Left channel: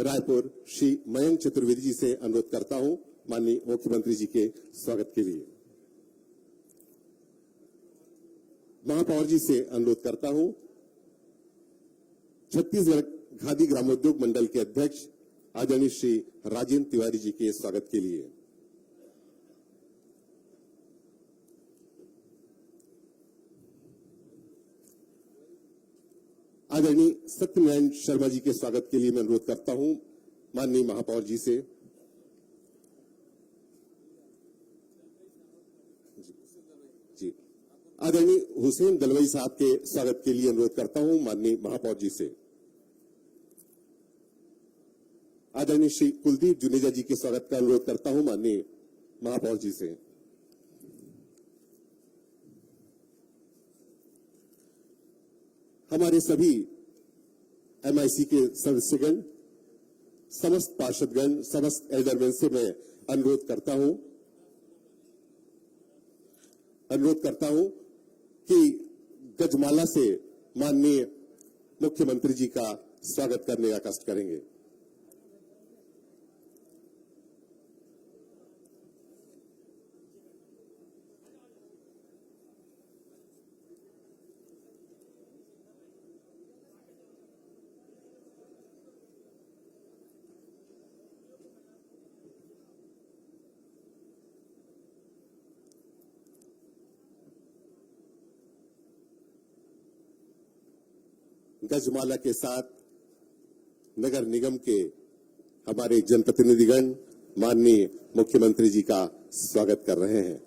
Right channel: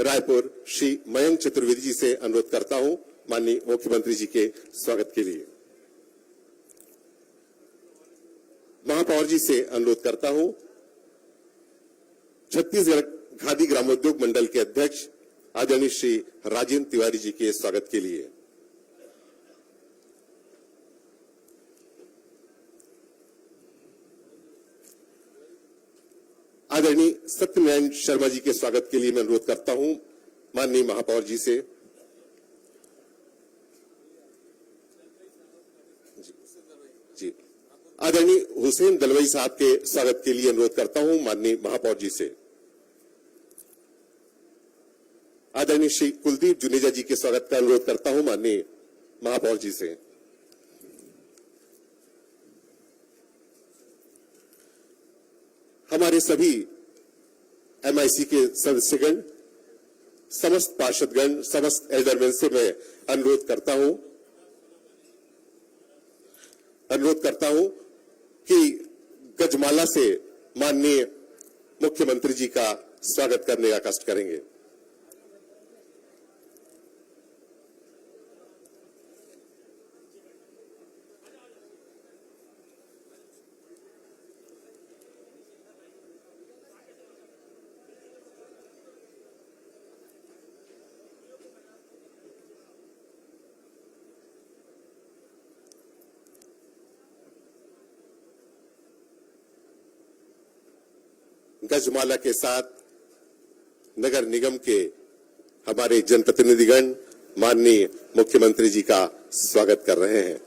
रायपुर श्री मयंक चतुर्वेदी जी से अनुरोध करता हूं माननीय मुख्यमंत्री जी के स्वागत के लिए। महापौर जी से अनुरोध करता हूं छत्तीसगढ़ खादी ग्रामोद्योग मंडल के अध्यक्ष आदरणीय श्री राजेंद्र तिवारी जी के स्वागत के लिए। आदरणीय सत्यनारायण शर्मा जी के स्वागत के लिए मैं अनुरोध करता हूं माननीय महापौर जी से। जी आदरणीय हुसैन दलवाई साहब के स्वागत के लिए अनुरोध करता हूं माननीय महापौर जी से। आदरणीय श्री कुलदीप जुनेजा जी के स्वागत का अनुरोध करता हूं माननीय महापौर जी से। हमारे सभी एमआईसी के सदस्यगण, समस्त पार्षदगण, समस्त एल्डरमैन से मैं अनुरोध करता हूं कि गजमाला से माननीय मुख्यमंत्री जी का स्वागत करने का कष्ट करेंगे। गजमाला के साथ नगर निगम के हमारे जनप्रतिनिधिगण माननीय मुख्यमंत्री जी का स्वागत कर रहे हैं।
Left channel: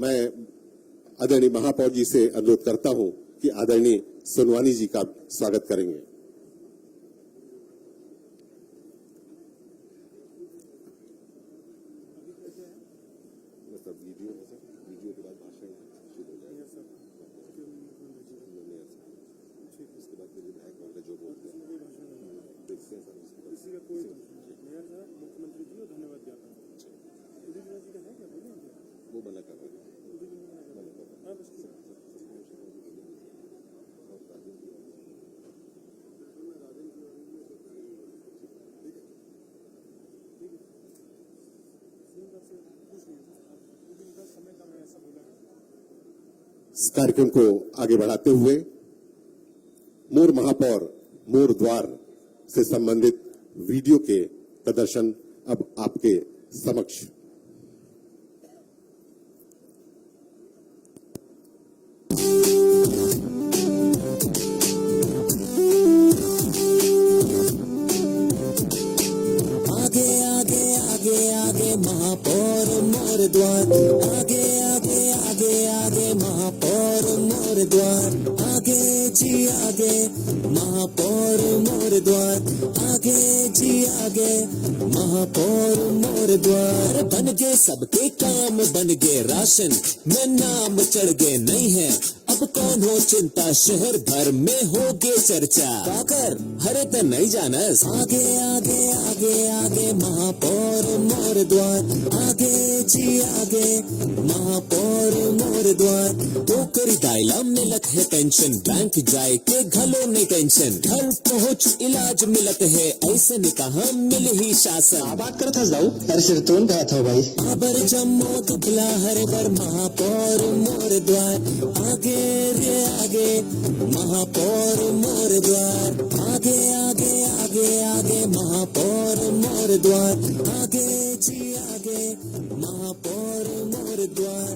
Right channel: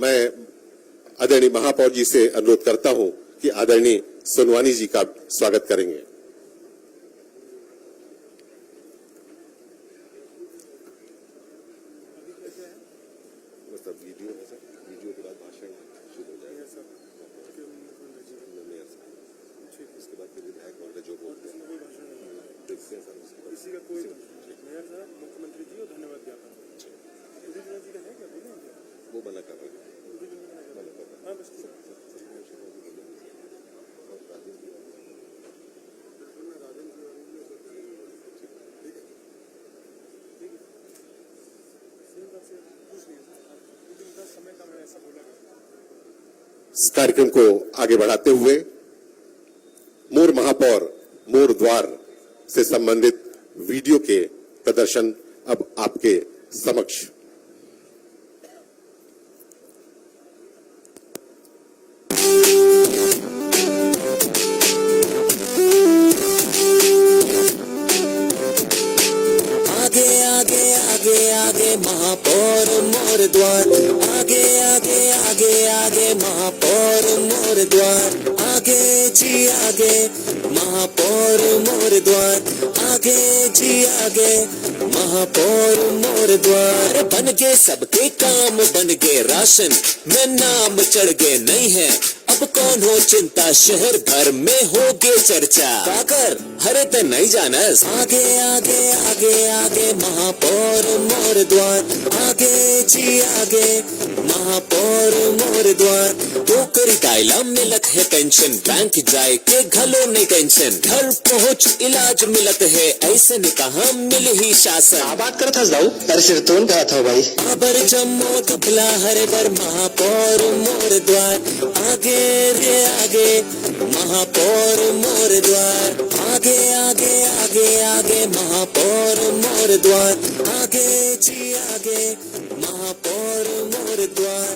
मैं आदरणीय महापौर जी से अनुरोध करता हूं कि आदरणीय सोनवानी जी का स्वागत करेंगे। वीडियो के बाद भाषण शुरू हो जाएगा सर। इसके बाद फिर विधायक महोदय जो बोलते हैं देखते हैं सर। उसके बाद इसी का कोई मेयर साहब, मुख्यमंत्री जी को धन्यवाद ज्ञापन जी का है क्या बोलेंगे? वो मना कर रहे हैं। इस कार्यक्रम को आगे बढ़ाते हुए मोर महापौर मोर द्वार से संबंधित वीडियो के प्रदर्शन अब आपके समक्ष। आगे महापौर मोर द्वार, आगे आगे आगे आगे महापौर मोर द्वार, आगे जी आगे महापौर मोर द्वार, आगे जी आगे महापौर मोर द्वार। बन गए सबके काम, बन गए राशन में नाम चढ़ गए नहीं है अब कौन हो चिंता, शहर भर में होगे चर्चा। काकर हरे ते नहीं जानस, आगे आगे आगे आगे महापौर मोर द्वार, आगे जी आगे महापौर मोर द्वार। टोकरी दायला मिलत है पेंशन, बैंक जाए के घलो नहीं टेंशन, घर पहुँच इलाज मिलत है ऐसे ने कहा मिल ही शासन। बात करता जाऊ अरे सिर तोन कहा था भाई। अबर जम्मो कपला हरे बर महापौर मोर द्वार, आगे रे आगे महापौर मोर द्वार, आगे आगे आगे आगे महापौर मोर द्वार, आगे जी आगे महापौर मोर द्वार।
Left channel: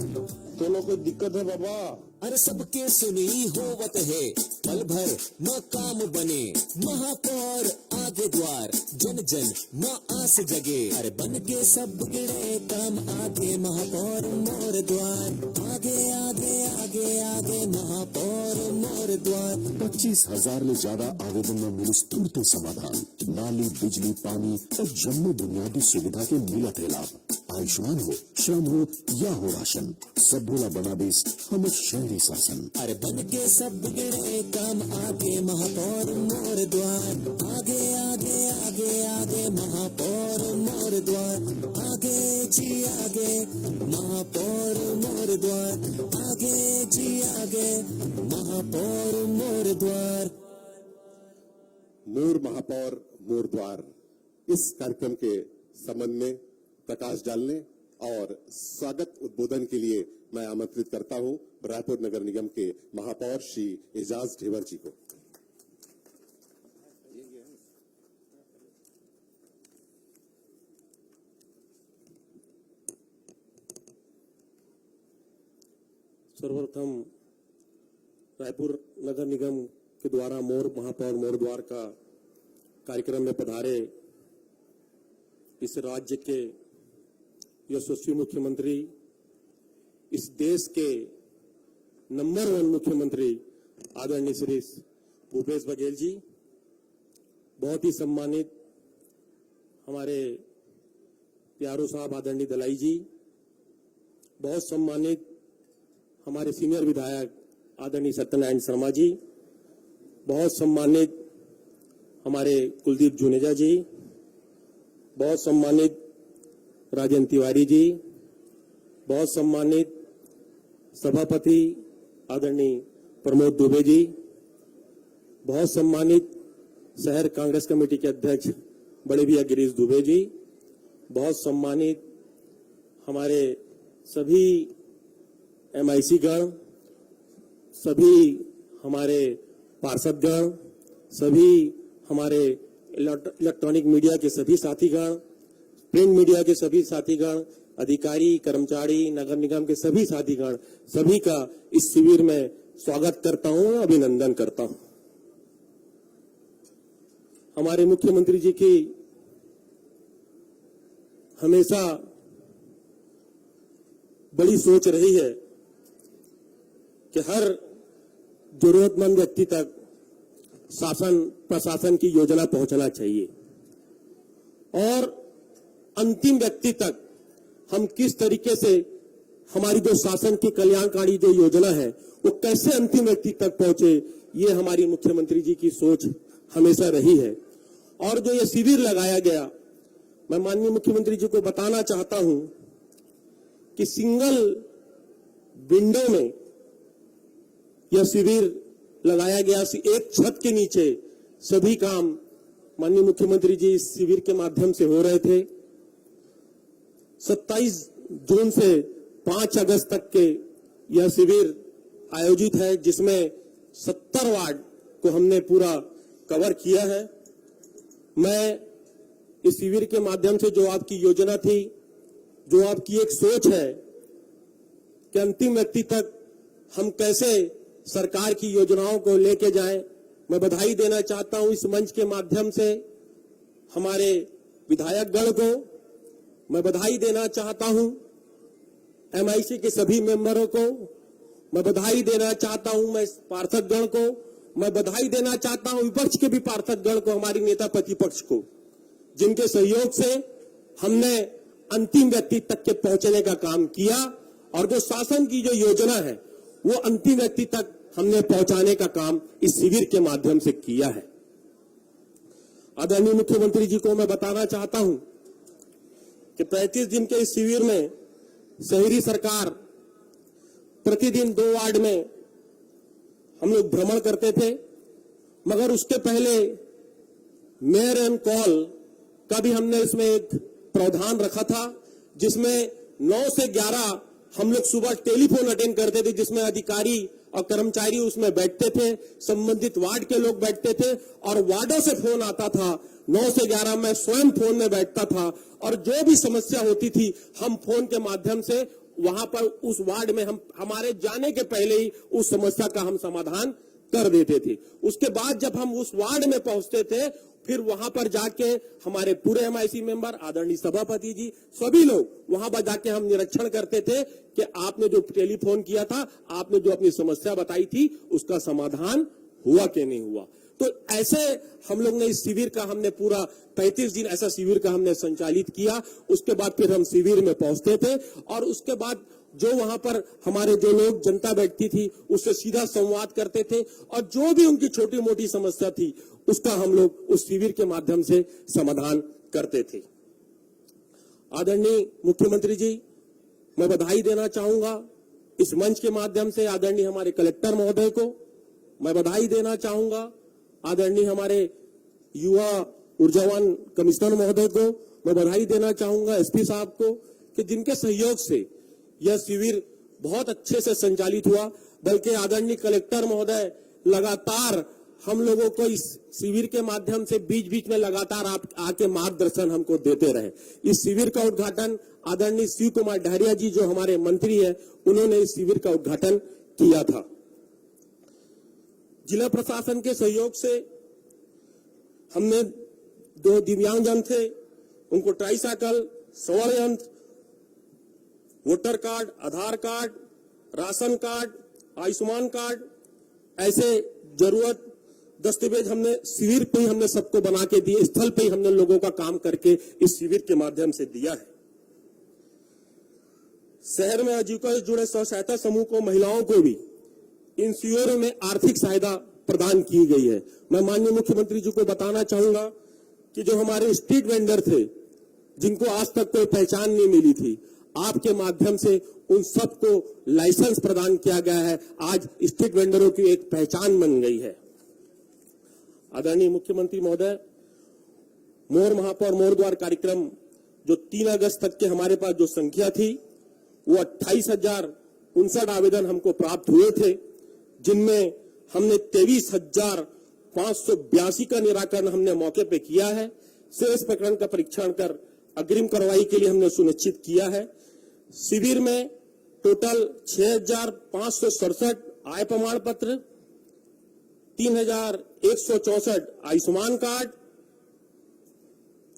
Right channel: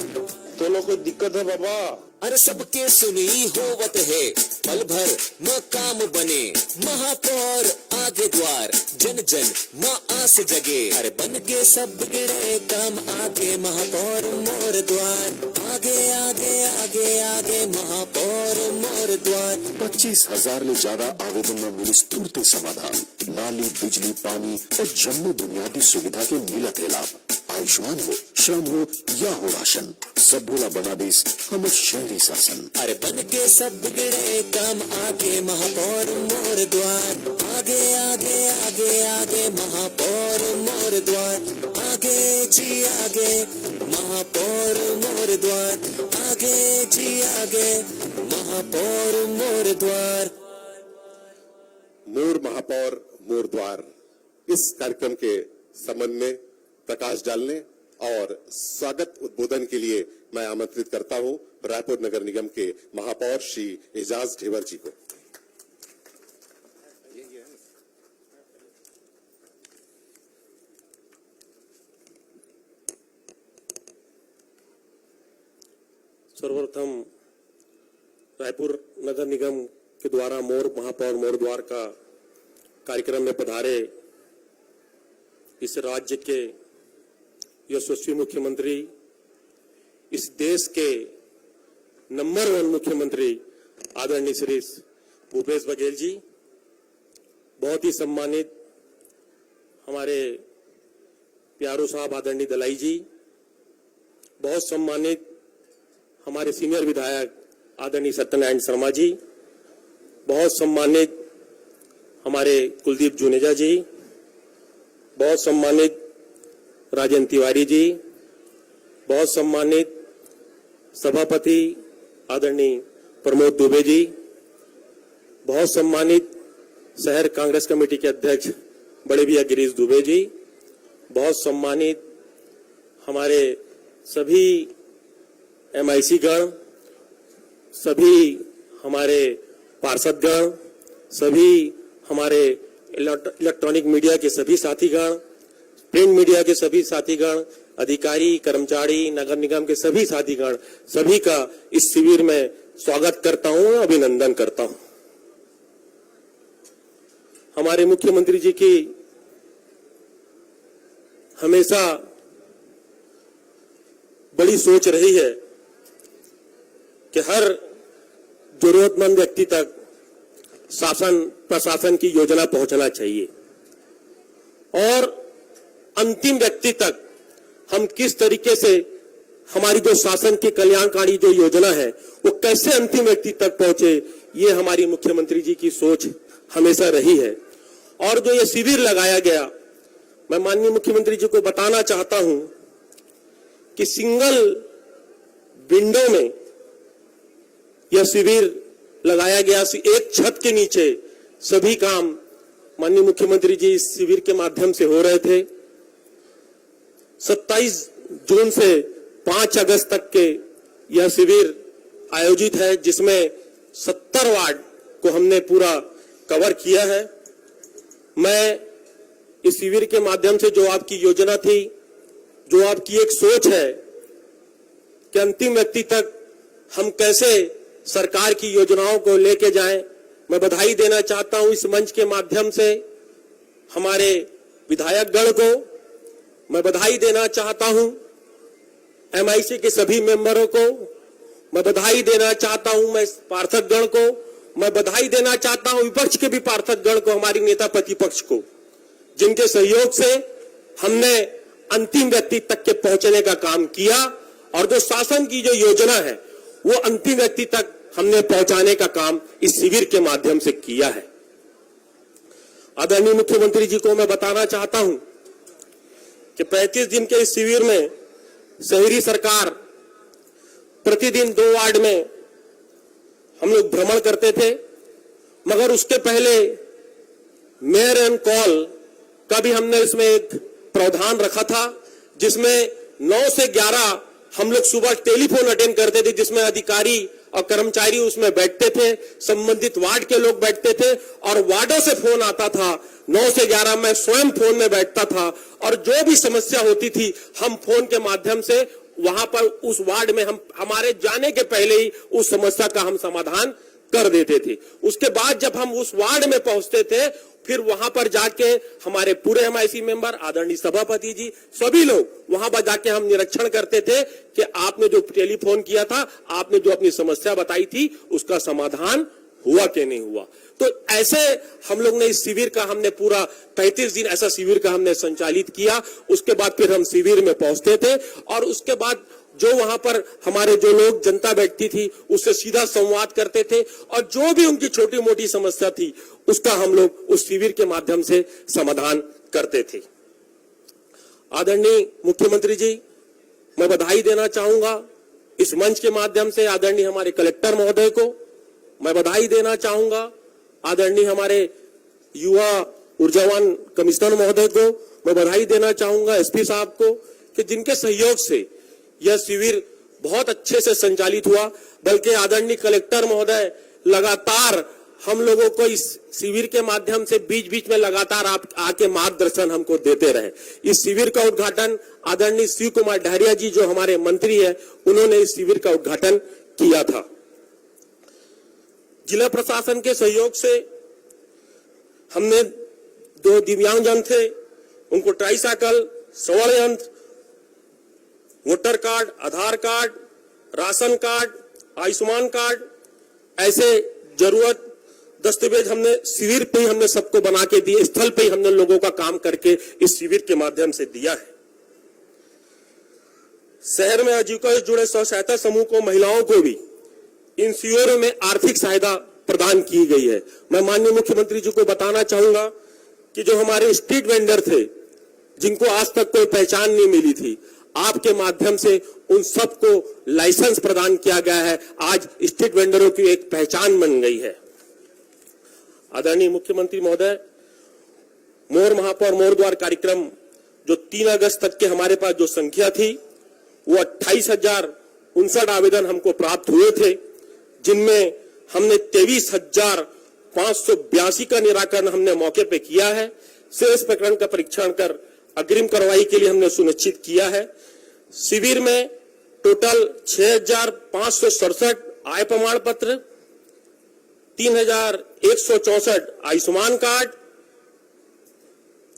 कोई दिक्कत है बाबा? अरे सबके सुनी होवत है, पल भर म काम बने, महापौर आगे द्वार, जन जन म आस जगे। अरे बन के सब बिगड़े काम आगे, महापौर मोर द्वार, आगे आगे आगे आगे महापौर मोर द्वार। 25,000 ले ज्यादा आवेदन में मिली तुरंत समाधान, नाली बिजली पानी और जम्मू बुनियादी सुविधा के मिलत है लाभ। आयुष्मान हो, श्रम हो या हो राशन, सब भोला बना देश हम शहरी शासन। अरे बन के सब बिगड़े काम आगे, महापौर मोर द्वार, आगे आगे आगे आगे महापौर मोर द्वार, आगे जी आगे महापौर मोर द्वार, आगे जी आगे महापौर मोर द्वार। मोर महापौर मोर द्वार, इस कार्यक्रम के संबंध में प्रकाश डालने और स्वागत उद्बोधन के लिए मैं आमंत्रित करता हूं रायपुर नगर निगम के महापौर श्री एजाज ढेबर जी को। सर्वप्रथम रायपुर नगर निगम के द्वारा मोर महापौर मोर द्वार का कार्यक्रम में पधारे इस राज्य के यशस्वी मुख्यमंत्री, इस देश के नंबर 1 मुख्यमंत्री आदरणीय श्री भूपेश बघेल जी, बहुत ही सम्मानित हमारे प्यारो साहब आदरणीय दलाई जी, बहुत सम्मानित हमारे सीनियर विधायक आदरणीय सत्यनारायण शर्मा जी, बहुत सम्मानित हमारे कुलदीप जुनेजा जी, बहुत सम्मानित राजेंद्र तिवारी जी, बहुत सम्मानित सभापति आदरणीय प्रमोद दुबे जी, बहुत सम्मानित शहर कांग्रेस कमेटी के अध्यक्ष बड़े भैया गिरीश दुबे जी, बहुत सम्मानित हमारे सभी MIC गण, सभी हमारे पार्षदगण, सभी हमारे इलेक्ट्रॉनिक मीडिया के सभी साथीगण, प्रिंट मीडिया के सभी साथीगण, अधिकारी कर्मचारी नगर निगम के सभी साथीगण, सभी का इस शिविर में स्वागत करता हूं, अभिनंदन करता हूं। हमारे मुख्यमंत्री जी की हमेशा बड़ी सोच रही है कि हर जरूरतमंद व्यक्ति तक शासन प्रशासन की योजना पहुंचना चाहिए और अंतिम व्यक्ति तक हम किस तरीके से हमारी जो शासन की कल्याणकारी जो योजना है वो कैसे अंतिम व्यक्ति तक पहुंचे, ये हमारी मुख्यमंत्री जी की सोच हमेशा रही है। और जो ये शिविर लगाया गया, मैं माननीय मुख्यमंत्री जी को बताना चाहता हूं कि सिंगल विंडो में यह शिविर लगाया गया, एक छत के नीचे सभी काम माननीय मुख्यमंत्री जी इस शिविर के माध्यम से हो रहे थे। 27 जून से 5 अगस्त तक के यह शिविर आयोजित है, जिसमें 70 वार्ड को हमने पूरा कवर किया है। मैं इस शिविर के माध्यम से जो आपकी योजना थी, जो आपकी एक सोच है कि अंतिम व्यक्ति तक हम कैसे सरकार की योजनाओं को लेके जाएं, मैं बधाई देना चाहता हूं इस मंच के माध्यम से हमारे विधायक गण को, मैं बधाई देना चाहता हूं MIC के सभी मेंबरों को, मैं बधाई देना चाहता हूं मैं पार्षद गण को, मैं बधाई देना चाहता हूं विपक्ष के भी पार्षद गण को, हमारी नेता प्रतिपक्ष को, जिनके सहयोग से हमने अंतिम व्यक्ति तक के पहुंचने का काम किया और जो शासन की जो योजना है वो अंतिम व्यक्ति तक हमने पहुंचाने का काम इस शिविर के माध्यम से किया है। आदरणीय मुख्यमंत्री जी को मैं बताना चाहता हूं कि 35 दिन के इस शिविर में शहरी सरकार प्रतिदिन 2 वार्ड में हम लोग भ्रमण करते थे, मगर उसके पहले मेयर एंड कॉल का भी हमने इसमें एक प्रावधान रखा था, जिसमें 9 से 11 हम लोग सुबह टेलीफोन अटेंड करते थे, जिसमें अधिकारी और कर्मचारी उसमें बैठते थे, संबंधित वार्ड के लोग बैठते थे और वार्डों से फोन आता था। 9 से 11 मैं स्वयं फोन में बैठता था और जो भी समस्या होती थी हम फोन के माध्यम से वहां पर उस वार्ड में हम हमारे जाने के पहले ही उस समस्या का हम समाधान कर देते थे। उसके बाद जब हम उस वार्ड में पहुंचते थे, फिर वहां पर जाके हमारे पूरे एमआईसी मेंबर, आदरणीय सभापति जी, सभी लोग वहां पर जाके हम निरीक्षण करते थे कि आपने जो टेलीफोन किया था, आपने जो अपनी समस्या बताई थी, उसका समाधान हुआ कि नहीं हुआ। तो ऐसे हम लोग ने इस शिविर का हमने पूरा 35 दिन ऐसा शिविर का हमने संचालित किया। उसके बाद फिर हम शिविर में पहुंचते थे और उसके बाद जो वहां पर हमारे जो लोग जनता बैठती थी उससे सीधा संवाद करते थे और जो भी उनकी छोटी मोटी समस्या थी उसका हम लोग उस शिविर के माध्यम से समाधान करते थे। आदरणीय मुख्यमंत्री जी, मैं बधाई देना चाहूंगा इस मंच के माध्यम से आदरणीय हमारे कलेक्टर महोदय को, मैं बधाई देना चाहूंगा आदरणीय हमारे युवा ऊर्जावान कमिश्नर महोदय को, मैं बधाई देना चाहूंगा एसपी साहब को कि जिनके सहयोग से यह शिविर बहुत अच्छे से संचालित हुआ। बल्कि आदरणीय कलेक्टर महोदय लगातार हम लोगों को इस शिविर के माध्यम से बीच बीच में लगातार आप आके मार्गदर्शन हमको देते रहे। इस शिविर का उद्घाटन आदरणीय शिव कुमार डहरिया जी जो हमारे मंत्री है, उन्होंने इस शिविर का उद्घाटन किया था। जिला प्रशासन के सहयोग से हमने 2 दिव्यांगजन थे, उनको ट्राईसाइकिल, श्रवण यंत्र, voter card, Aadhaar card, ration card, Ayushman card, ऐसे जरूरत दस्तावेज हमने शिविर पे ही हमने सबको बना के दिए, स्थल पे ही हमने लोगों का काम करके इस शिविर के माध्यम से दिया है। शहर में आजीविका से जुड़े स्व सहायता समूह को, महिलाओं को भी इन शिविरों में आर्थिक सहायता प्रदान की गई है। मैं माननीय मुख्यमंत्री जी को बताना चाहूंगा कि जो हमारे स्ट्रीट वेंडर थे, जिनको आज तक कोई पहचान नहीं मिली थी, आपके माध्यम से उन सबको लाइसेंस प्रदान किया गया है। आज स्ट्रीट वेंडरों की एक पहचान बन गई है। आदरणीय मुख्यमंत्री महोदय, मोर महापौर मोर द्वार कार्यक्रम जो 3 अगस्त तक के हमारे पास जो संख्या थी वो 28,059 आवेदन हमको प्राप्त हुए थे, जिनमें हमने 23,582 का निराकरण हमने मौके पे किया है। शेष प्रकरण का परीक्षण कर अग्रिम कार्रवाई के लिए हमने सुनिश्चित किया है। शिविर में टोटल 6,567 आय प्रमाण पत्र, 3,164 आयुष्मान कार्ड,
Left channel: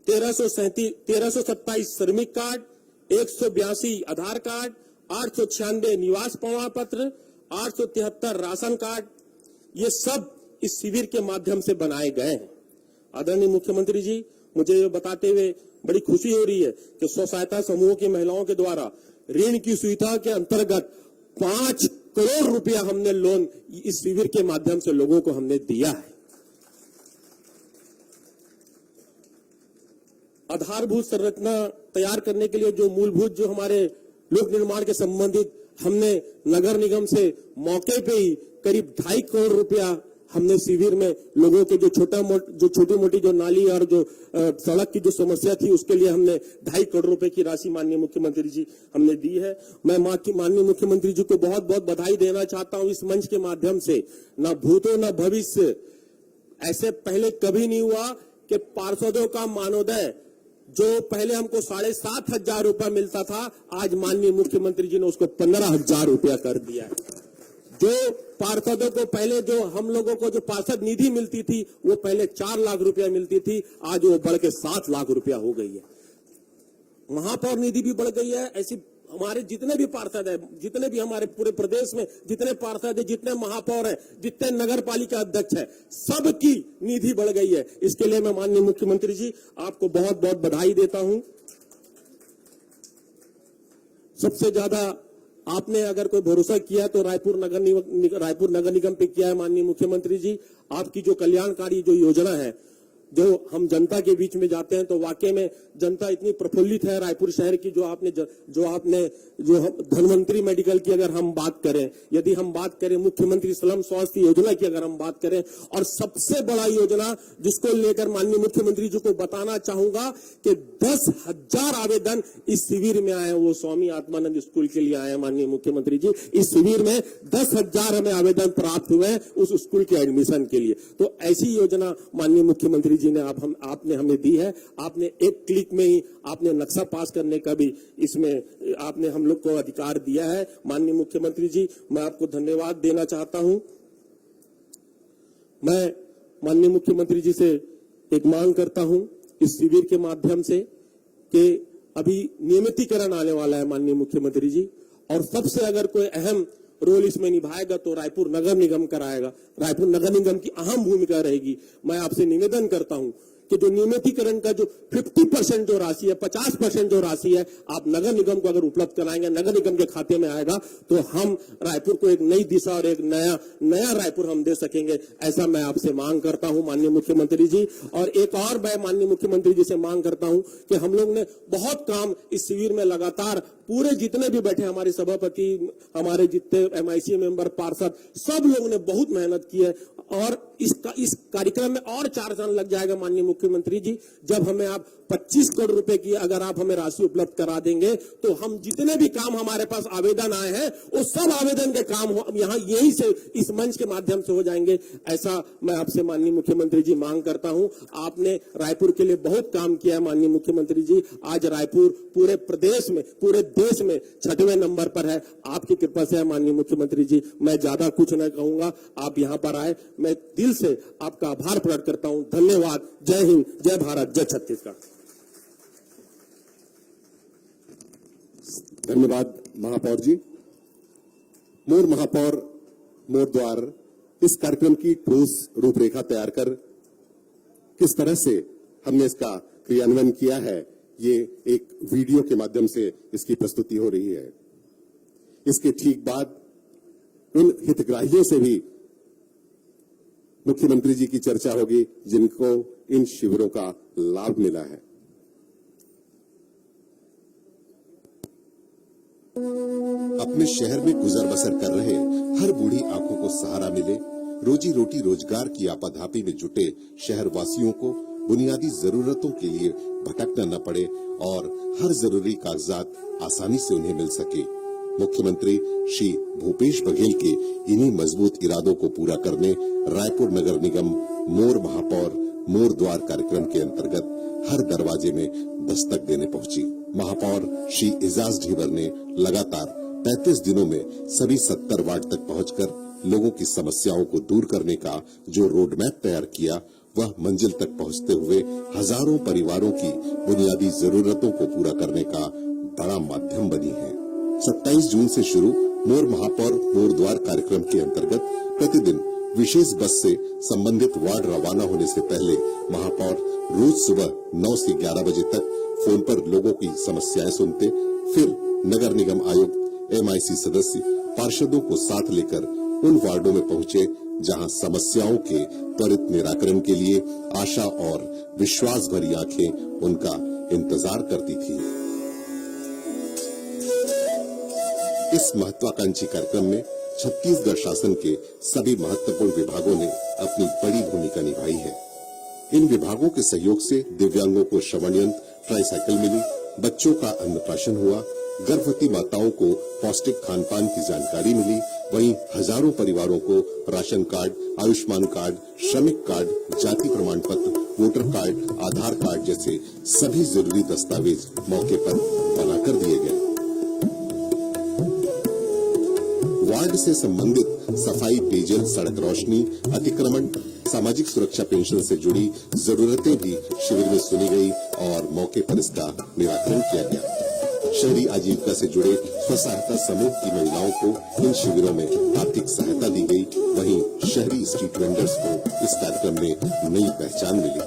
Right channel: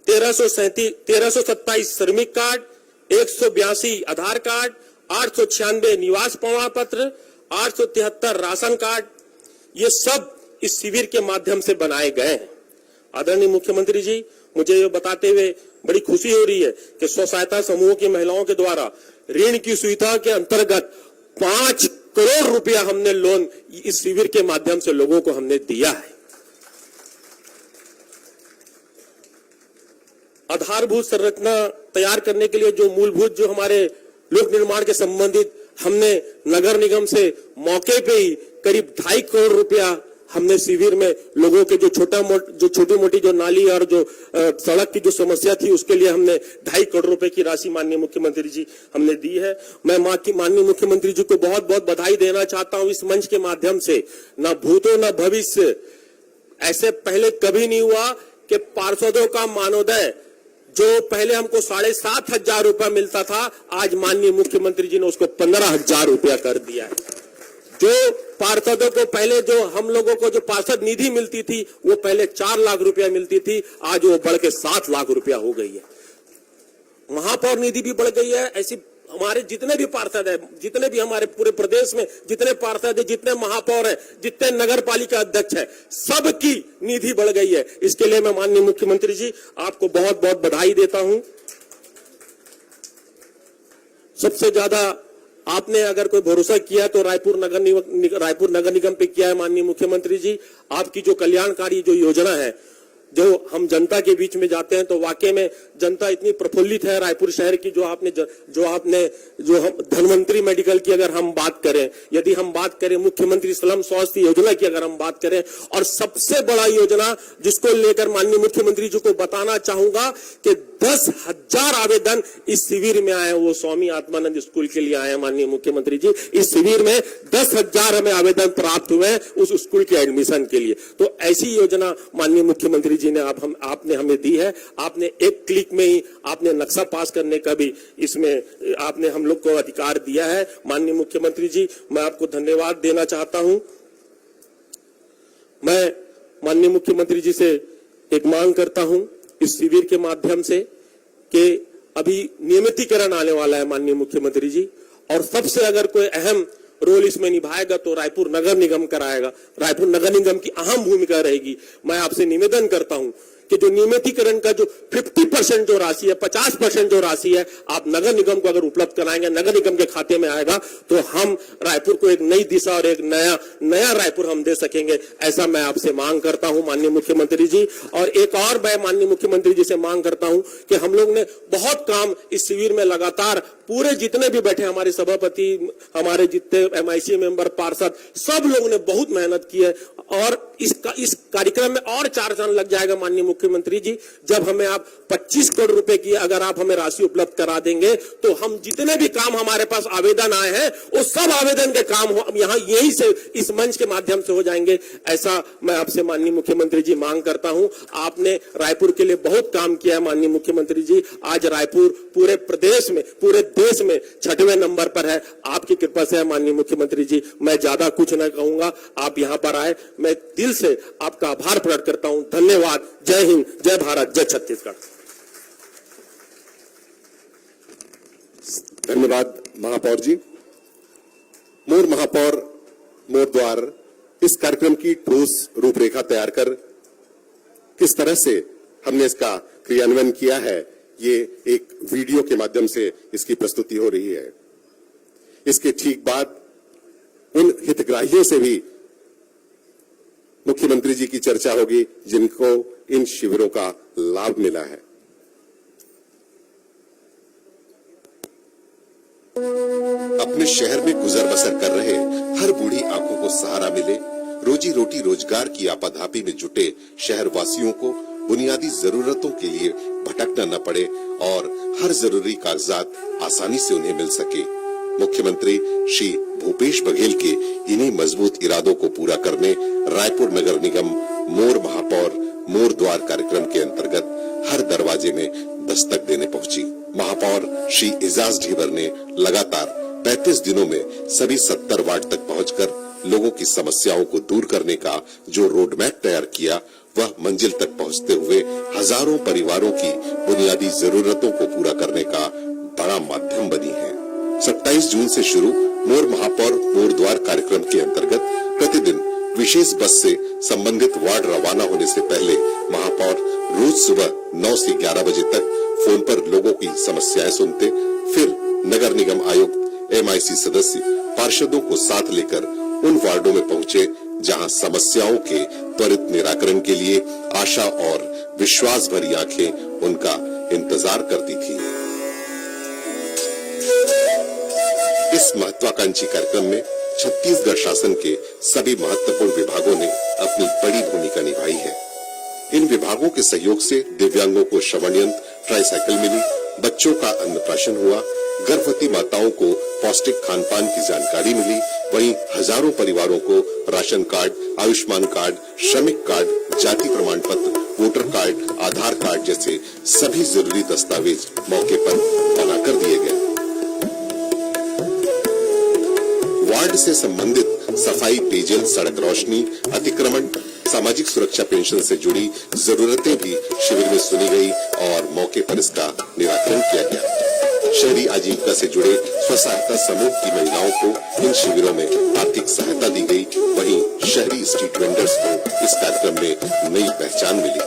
1327 श्रमिक कार्ड, 182 आधार कार्ड, 896 निवास प्रमाण पत्र, 873 राशन कार्ड, ये सब इस शिविर के माध्यम से बनाए गए हैं। आदरणीय मुख्यमंत्री जी, मुझे ये बताते हुए बड़ी खुशी हो रही है कि स्व सहायता समूहों की महिलाओं के द्वारा ऋण की सुविधा के अंतर्गत 5 करोड़ रुपया हमने लोन इस शिविर के माध्यम से लोगों को हमने दिया है। आधारभूत संरचना तैयार करने के लिए जो मूलभूत जो हमारे लोक निर्माण के संबंधित हमने नगर निगम से मौके पे ही करीब 2.5 करोड़ रुपया हमने शिविर में लोगों के जो छोटी मोटी जो नाली और जो सड़क की जो समस्या थी उसके लिए हमने 2.5 करोड़ रुपए की राशि माननीय मुख्यमंत्री जी हमने दी है। मैं माननीय मुख्यमंत्री जी को बहुत बहुत बधाई देना चाहता हूं इस मंच के माध्यम से। ना भूतो ना भविष्य, ऐसे पहले कभी नहीं हुआ कि पार्षदों का मानोदय जो पहले हमको 7,500 रुपया मिलता था, आज माननीय मुख्यमंत्री जी ने उसको 15,000 रुपया कर दिया है। जो पार्षदों को पहले जो हम लोगों को जो पार्षद निधि मिलती थी वो पहले 4 लाख रुपया मिलती थी, आज वो बढ़ के 7 लाख रुपया हो गई है। महापौर निधि भी बढ़ गई है। ऐसी हमारे जितने भी पार्षद है, जितने भी हमारे पूरे प्रदेश में जितने पार्षद है, जितने महापौर है, जितने नगर पालिका अध्यक्ष है, सबकी निधि बढ़ गई है। इसके लिए मैं माननीय मुख्यमंत्री जी आपको बहुत बहुत बधाई देता हूं। सबसे ज्यादा आपने अगर कोई भरोसा किया तो रायपुर नगर निगम पे किया है माननीय मुख्यमंत्री जी। आपकी जो कल्याणकारी जो योजना है, जो हम जनता के बीच में जाते हैं तो वाकई में जनता इतनी प्रफुल्लित है रायपुर शहर की। जो हम धनवंतरी मेडिकल की अगर हम बात करें, यदि हम बात करें मुख्यमंत्री स्लम स्वास्थ्य योजना की अगर हम बात करें, और सबसे बड़ा योजना जिसको लेकर माननीय मुख्यमंत्री जी को बताना चाहूंगा कि 10,000 आवेदन इस शिविर में आए, वो स्वामी आत्मानंद स्कूल के लिए आए हैं माननीय मुख्यमंत्री जी। इस शिविर में 10,000 हमें आवेदन प्राप्त हुए हैं उस स्कूल के एडमिशन के लिए। तो ऐसी योजना माननीय मुख्यमंत्री मुख्यमंत्री जी ने आपने हमें दी है। आपने एक क्लिक में ही आपने नक्शा पास करने का भी इसमें आपने हम लोग को अधिकार दिया है। माननीय मुख्यमंत्री जी, मैं आपको धन्यवाद देना चाहता हूं। मैं माननीय मुख्यमंत्री जी से एक मांग करता हूं इस शिविर के माध्यम से कि अभी नियमितीकरण आने वाला है माननीय मुख्यमंत्री जी, और सबसे अगर कोई अहम रोल इसमें निभाएगा तो रायपुर नगर निगम कराएगा। रायपुर नगर निगम की अहम भूमिका रहेगी। मैं आपसे निवेदन करता हूं कि जो नियमितीकरण का जो 50% जो राशि है, 50% जो राशि है, आप नगर निगम को अगर उपलब्ध कराएंगे, नगर निगम के खाते में आएगा, तो हम रायपुर को एक नई दिशा और एक नया रायपुर हम दे सकेंगे। ऐसा मैं आपसे मांग करता हूं माननीय मुख्यमंत्री जी। और एक और मैं माननीय मुख्यमंत्री जी से मांग करता हूं कि हम लोग ने बहुत काम इस शिविर में लगातार पूरे जितने भी बैठे हमारे सभापति, हमारे जितने MIC मेंबर, पार्षद, सब लोगों ने बहुत मेहनत की है। और इस कार्यक्रम में और 4 साल लग जाएगा माननीय मुख्यमंत्री जी। जब हमें आप 25 करोड़ रुपए की अगर आप हमें राशि उपलब्ध करा देंगे तो हम जितने भी काम हमारे पास आवेदन आए हैं वो सब आवेदन के काम यहाँ यहीं से इस मंच के माध्यम से हो जाएंगे। ऐसा मैं आपसे माननीय मुख्यमंत्री जी मांग करता हूं। आपने रायपुर के लिए बहुत काम किया है माननीय मुख्यमंत्री जी। आज रायपुर पूरे प्रदेश में, पूरे देश में 6वें नंबर पर है। आपकी कृपा से है माननीय मुख्यमंत्री जी। मैं ज्यादा कुछ न कहूंगा, आप यहाँ पर आए, मैं दिल से आपका आभार प्रकट करता हूं। धन्यवाद। जय हिंद, जय भारत, जय छत्तीसगढ़। धन्यवाद महापौर जी। मोर महापौर मोर द्वार इस कार्यक्रम की ठोस रूपरेखा तैयार कर किस तरह से हमने इसका क्रियान्वयन किया है, ये एक वीडियो के माध्यम से इसकी प्रस्तुति हो रही है। इसके ठीक बाद उन हितग्राहियों से भी मुख्यमंत्री जी की चर्चा होगी जिनको इन शिविरों का लाभ मिला है। अपने शहर में गुजर बसर कर रहे हर बूढ़ी आंखों को सहारा मिले, रोजी रोटी रोजगार की आपाधापी में जुटे शहर वासियों को बुनियादी जरूरतों के लिए भटकना न पड़े और हर जरूरी कागजात आसानी से उन्हें मिल सके। मुख्यमंत्री श्री भूपेश बघेल के इन्हीं मजबूत इरादों को पूरा करने रायपुर नगर निगम मोर महापौर मोर द्वार कार्यक्रम के अंतर्गत हर दरवाजे में दस्तक देने पहुंची। महापौर श्री एजाज ढीबर ने लगातार 35 दिनों में सभी 70 वार्ड तक पहुंचकर लोगों की समस्याओं को दूर करने का जो रोड मैप तैयार किया, वह मंजिल तक पहुंचते हुए हजारों परिवारों की बुनियादी जरूरतों को पूरा करने का बड़ा माध्यम बनी है। 27 जून से शुरू मोर महापौर मोर द्वार कार्यक्रम के अंतर्गत प्रतिदिन विशेष बस से संबंधित वार्ड रवाना होने से पहले महापौर रोज सुबह 9 से 11 बजे तक फोन पर लोगों की समस्याएं सुनते, फिर नगर निगम आयुक्त, MIC सदस्य, पार्षदों को साथ लेकर उन वार्डों में पहुंचे जहां समस्याओं के त्वरित निराकरण के लिए आशा और विश्वास भरी आंखें उनका इंतजार करती थी। इस महत्वाकांक्षी कार्यक्रम में छत्तीसगढ़ शासन के सभी महत्वपूर्ण विभागों ने अपनी बड़ी भूमिका निभाई है। इन विभागों के सहयोग से दिव्यांगों को श्रवण यंत्र, ट्राईसाइकिल मिली, बच्चों का अन्नप्राशन हुआ, गर्भवती माताओं को पौष्टिक खान पान की जानकारी मिली, वहीं हजारों परिवारों को राशन कार्ड, आयुष्मान कार्ड, श्रमिक कार्ड, जाति प्रमाण पत्र, वोटर कार्ड, आधार कार्ड जैसे सभी जरूरी दस्तावेज मौके पर बनाकर दिए गए। वार्ड से संबंधित सफाई, पेयजल, सड़क रोशनी, अतिक्रमण, सामाजिक सुरक्षा पेंशन से जुड़ी जरूरतें भी शिविर में सुनी गई और मौके पर इसका निराकरण किया गया। शहरी आजीविका से जुड़े स्व सहायता समूह की महिलाओं को इन शिविरों में आर्थिक सहायता दी गई। वहीं शहरी स्ट्रीट वेंडर्स को इस कार्यक्रम में नई पहचान मिली।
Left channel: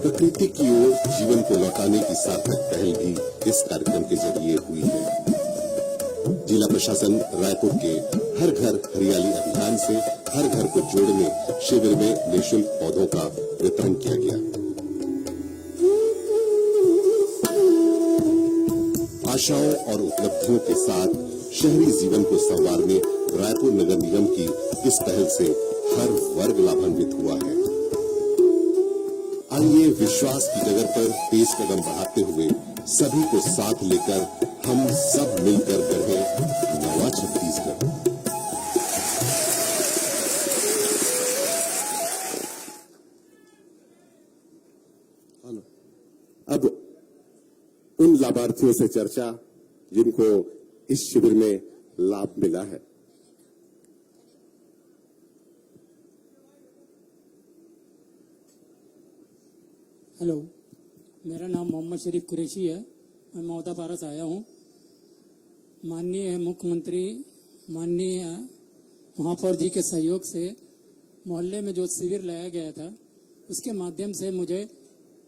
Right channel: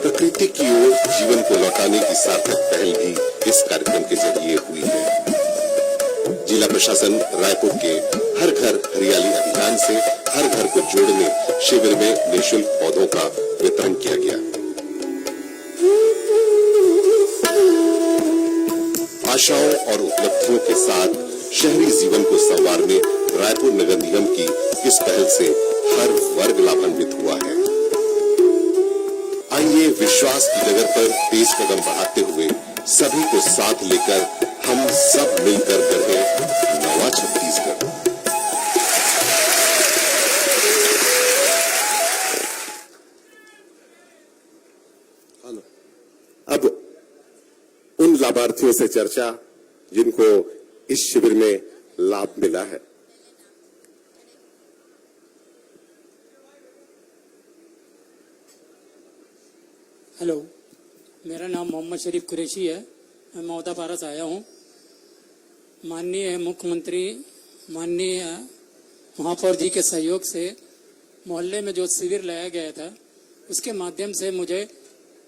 प्रकृति की ओर जीवन को लौटाने की सार्थक पहल भी इस कार्यक्रम के जरिए हुई है। जिला प्रशासन रायपुर के हर घर हरियाली अभियान से हर घर को जोड़ने शिविर में निःशुल्क पौधों का वितरण किया गया। आशाओं और उपलब्धियों के साथ शहरी जीवन को संवारने रायपुर नगर निगम की इस पहल से हर वर्ग लाभान्वित हुआ है। आइए विश्वास की डगर पर तेज कदम बढ़ाते हुए सभी को साथ लेकर हम सब मिलकर गढ़ें नवा छत्तीसगढ़। लाभार्थियों से चर्चा जिनको इस शिविर में लाभ मिला है। हेलो, मेरा नाम मोहम्मद शरीफ कुरैशी है। मैं मौदापारा से आया हूँ। माननीय मुख्यमंत्री, माननीय महापौर जी के सहयोग से मोहल्ले में जो शिविर लाया गया था, उसके माध्यम से मुझे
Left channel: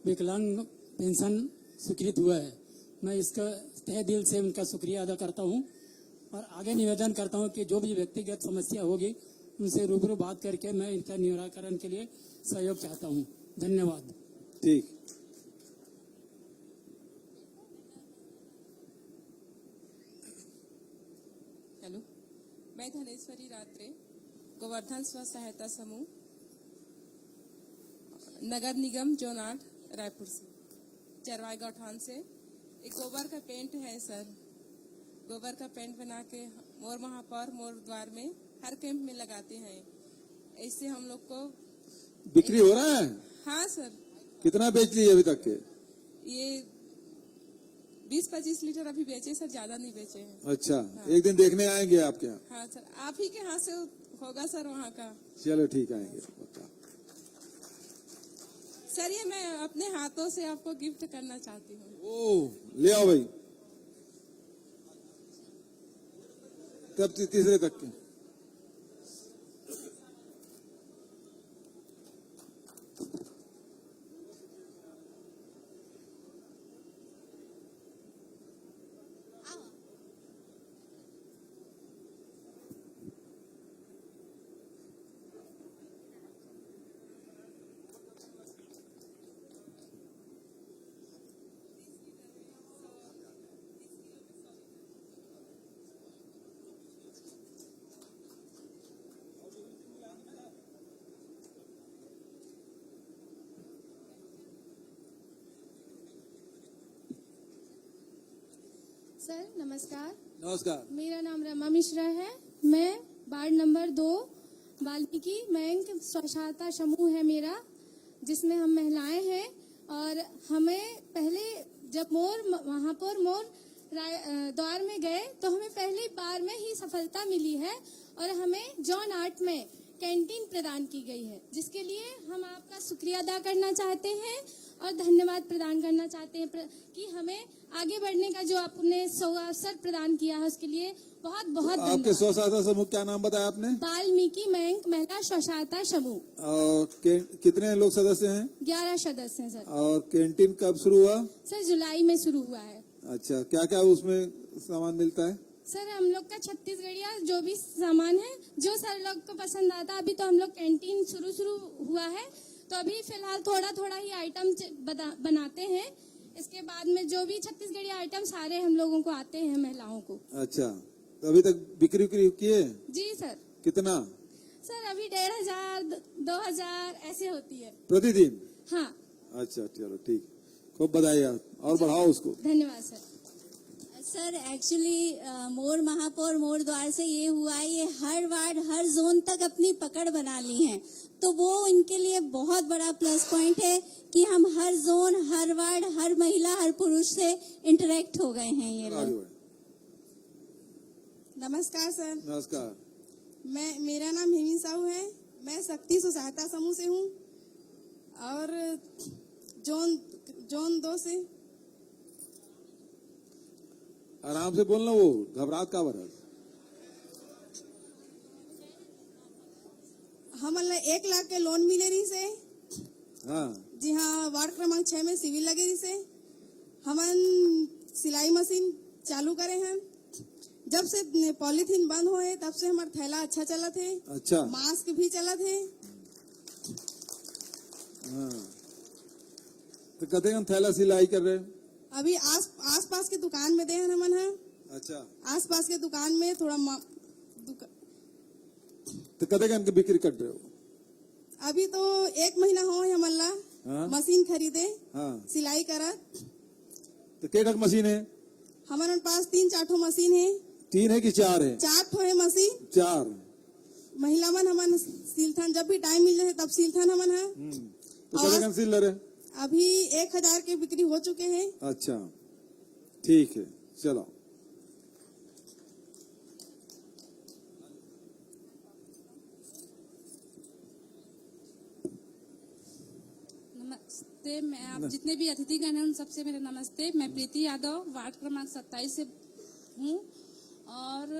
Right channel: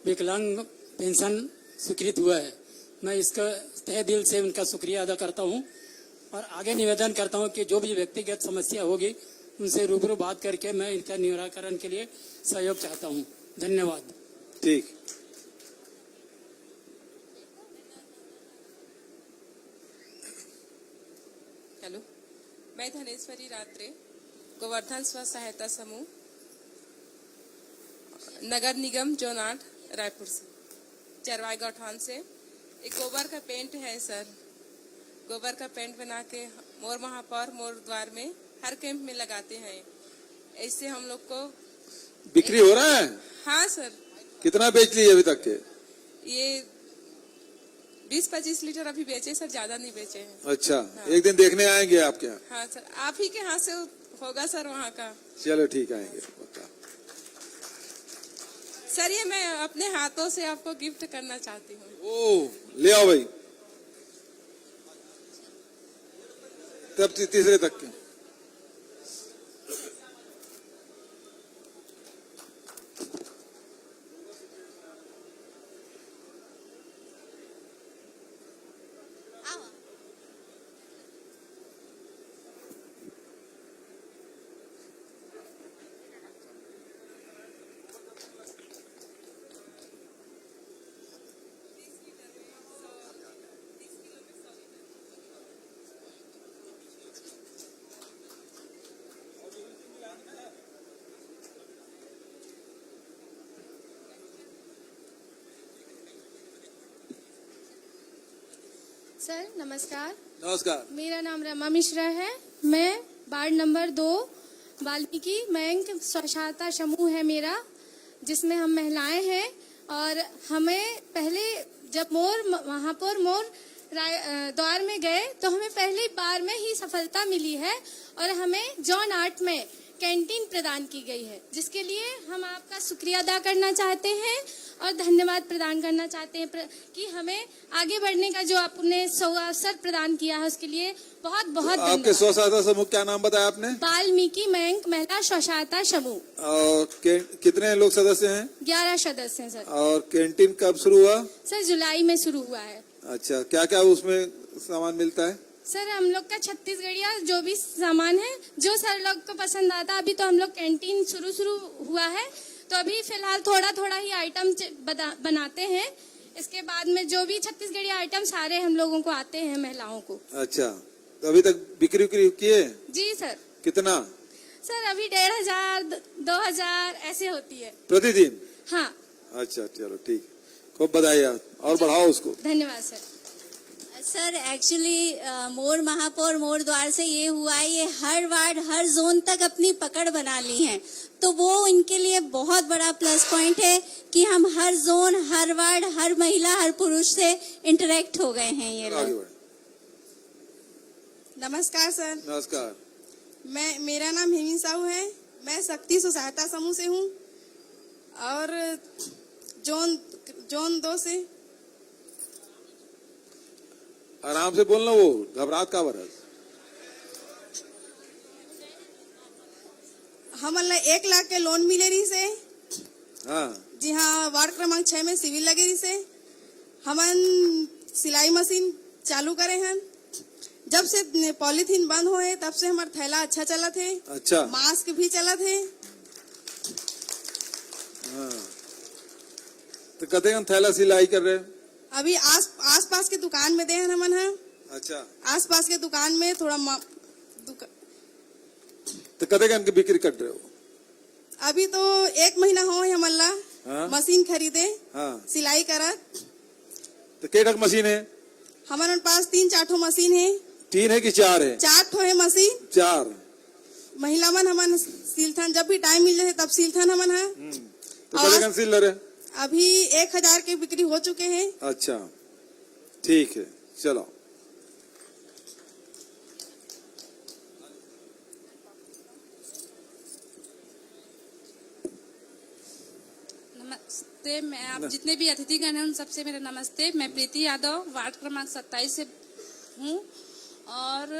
विकलांग पेंशन स्वीकृत हुआ है। मैं इसका तहे दिल से उनका शुक्रिया अदा करता हूँ और आगे निवेदन करता हूँ कि जो भी व्यक्तिगत समस्या होगी उनसे रूबरू बात करके मैं इनका निराकरण के लिए सहयोग चाहता हूँ। धन्यवाद। ठीक। हेलो, मैं धनेश्वरी रात्रे, गोवर्धन स्व सहायता समूह, नगर निगम जोन 8 रायपुर से, चरवाई गौठान से। एक गोबर का पेंट है सर। गोबर का पेंट बना के मोर महापौर मोर द्वार में हर कैंप में लगाते हैं। ऐसे हम लोग को बिक्री हो रहा है? हाँ सर। कितना बेच लिए अभी तक के? ये 20-25 लीटर अभी बेचे सर, ज्यादा नहीं बेचे हैं। अच्छा, हाँ। एक दिन देखने आएंगे आपके यहाँ? हाँ सर, आप ही के हाथ से होगा सर वहाँ का। चलो ठीक, आएंगे पक्का। सर ये मैं अपने हाथों से आपको गिफ्ट करना चाहती हूँ। ओ, ले आओ भाई। तब तीसरे तक के। सर नमस्कार। नमस्कार। मेरा नाम रमा मिश्रा है। मैं वार्ड नंबर 2 वाल्मीकि बैंक स्वसहायता समूह है मेरा, जिसमें हम महिलाएं हैं। और हमें पहले जब महापौर मोर द्वार में गए तो हमें पहली बार में ही सफलता मिली है और हमें जोन 8 में कैंटीन प्रदान की गई है, जिसके लिए हम आपका शुक्रिया अदा करना चाहते हैं और धन्यवाद प्रदान करना चाहते हैं कि हमें आगे बढ़ने का जो आपने अवसर प्रदान किया है उसके लिए बहुत बहुत धन्यवाद। आपके स्व सहायता समूह क्या नाम बताया आपने? वाल्मीकि बैंक महिला स्व सहायता समूह। और कितने लोग सदस्य हैं? 11 सदस्य हैं सर। और कैंटीन कब शुरू हुआ? सर जुलाई में शुरू हुआ है। अच्छा, क्या क्या उसमें सामान मिलता है? सर हम लोग का छत्तीसगढ़िया जो भी सामान है जो सर लोग को पसंद आता। अभी तो हम लोग कैंटीन शुरू हुआ है तो अभी फिलहाल थोड़ा ही आइटम बनाते हैं। इसके बाद में जो भी छत्तीसगढ़िया आइटम सारे हम लोगों को आते हैं महिलाओं को। अच्छा, तो अभी तक बिक्री किए? जी सर। कितना? सर अभी 1500 2000 ऐसे होती है प्रतिदिन? हाँ। अच्छा चलो ठीक, खूब बधाई और बढ़ाओ उसको। धन्यवाद सर। सर एक्चुअली मोर महापौर मोर द्वार से ये हुआ है, ये हर वार्ड हर जोन तक अपनी पकड़ बना ली है, तो वो इनके लिए बहुत बड़ा प्लस पॉइंट है कि हम हर जोन हर वार्ड हर महिला हर पुरुष से इंटरेक्ट हो गए हैं ये लोग। नमस्कार सर। नमस्कार। मेरा नाम हेमी साहू है। मैं शक्ति स्व सहायता समूह से हूँ और जोन 2 से। आराम से बोलना, वो घबराहट का वरस। हमन 1 लाख के लोन मिले रही से। हाँ जी हाँ, वार्ड क्रमांक 6 में सिविल लगे रही से। हमन सिलाई मशीन चालू करे हैं। जब से पॉलीथीन बंद हुए तब से हमारा थैला अच्छा चला थे। अच्छा, मास्क भी चला थे। हाँ, तो कहते हैं थैला सिलाई कर रहे हैं अभी आस पास के दुकान में दे हैं हमन है। अच्छा, आस पास के दुकान में थोड़ा तो कहते हैं बिक्री कर रहे हो? अभी तो 1 महीना हो हमला हाँ? मशीन खरीदे। हाँ, सिलाई करा। तो केटक मशीन है? हमारे पास 3-4 ठो मशीन है। 3 है कि 4 है? 4 ठो है मशीन। 4 महिला मन हमन सिलथन, जब भी टाइम मिल जाए तब सिलथन हमन है। तो कहते सिल रहे? अभी 1000 के बिक्री हो चुके हैं। अच्छा, ठीक है, चलो। नमस्ते, मैं आप जितने भी अतिथिगण हैं उन सबसे मेरा नमस्ते। मैं प्रीति यादव वार्ड क्रमांक 27 से हूँ और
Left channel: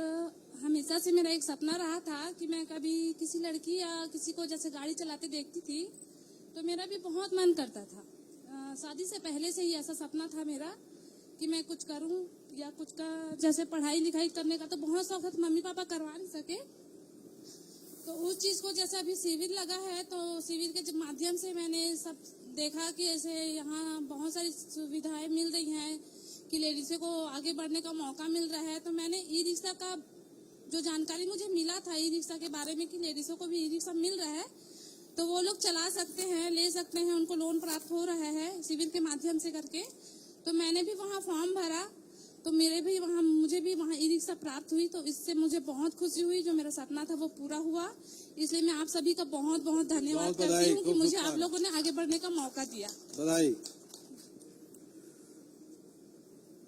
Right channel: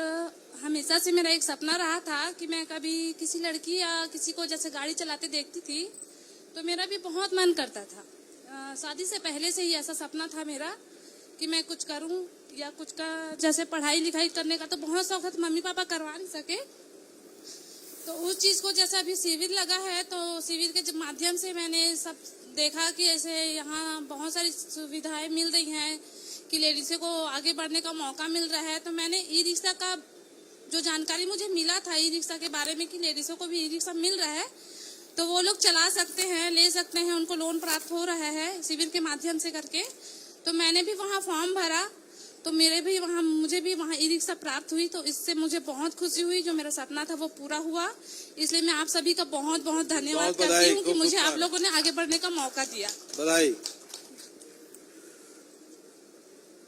हमेशा से मेरा एक सपना रहा था कि मैं कभी किसी लड़की या किसी को जैसे गाड़ी चलाते देखती थी तो मेरा भी बहुत मन करता था। शादी से पहले से ही ऐसा सपना था मेरा कि मैं कुछ करूं या कुछ का जैसे पढ़ाई लिखाई करने का तो बहुत शौक था, तो मम्मी पापा करवा नहीं सके। तो उस चीज को जैसे अभी शिविर लगा है तो शिविर के माध्यम से मैंने सब देखा कि ऐसे यहाँ बहुत सारी सुविधाएं मिल रही हैं कि लेडीज़ों को आगे बढ़ने का मौका मिल रहा है। तो मैंने ई रिक्शा का जो जानकारी मुझे मिला था ई रिक्शा के बारे में कि लेडीज़ों को भी ई रिक्शा मिल रहा है तो वो लोग चला सकते हैं, ले सकते हैं, उनको लोन प्राप्त हो रहा है शिविर के माध्यम से करके। तो मैंने भी वहाँ फॉर्म भरा तो मुझे भी वहाँ ई रिक्शा प्राप्त हुई। तो इससे मुझे बहुत खुशी हुई, जो मेरा सपना था वो पूरा हुआ। इसलिए मैं आप सभी का बहुत बहुत धन्यवाद करती हूँ कि मुझे आप लोगों ने आगे बढ़ने का मौका दिया। बधाई।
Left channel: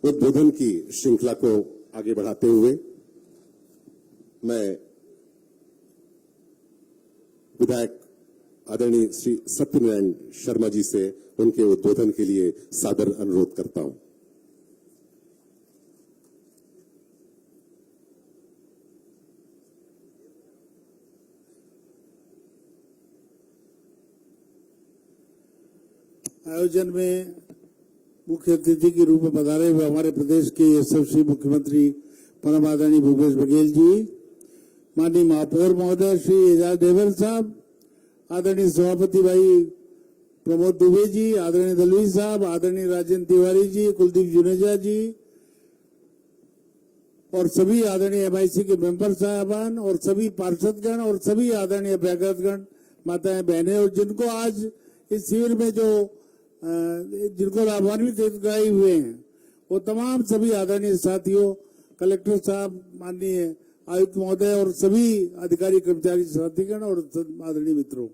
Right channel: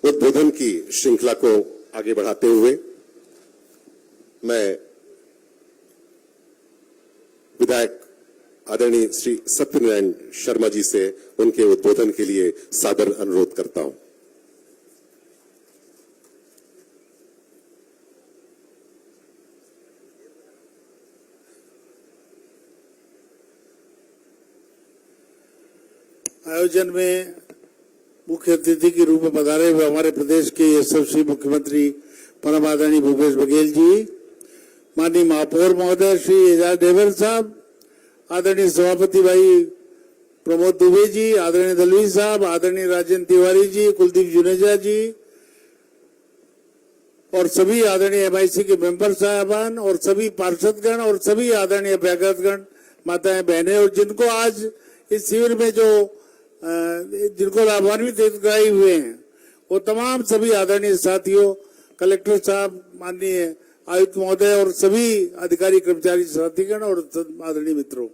उद्बोधन की श्रृंखला को आगे बढ़ाते हुए मैं विधायक आदरणीय श्री सत्यनारायण शर्मा जी से उनके उद्बोधन के लिए सादर अनुरोध करता हूं। आयोजन में मुख्य अतिथि के रूप में पधारे हुए हमारे प्रदेश के यशस्वी मुख्यमंत्री परम आदरणीय भूपेश बघेल जी, माननीय महापौर महोदय श्री एजाज देवर साहब, आदरणीय सभापति भाई प्रमोद दुबे जी, आदरणीय दलवी साहब, आदरणीय राजेंद्र तिवारी जी, कुलदीप जुनेजा जी और सभी आदरणीय MIC के मेंबर साहबान और सभी पार्षदगण और सभी आदरणीय अभ्यागतगण, माताएं बहनें और जिनको आज इस शिविर में जिनको लाभान्वित हितग्राही हुए हैं वो तमाम सभी आदरणीय साथियों, कलेक्टर साहब, माननीय आयुक्त महोदय और सभी अधिकारी कर्मचारी साथीगण और आदरणीय मित्रों,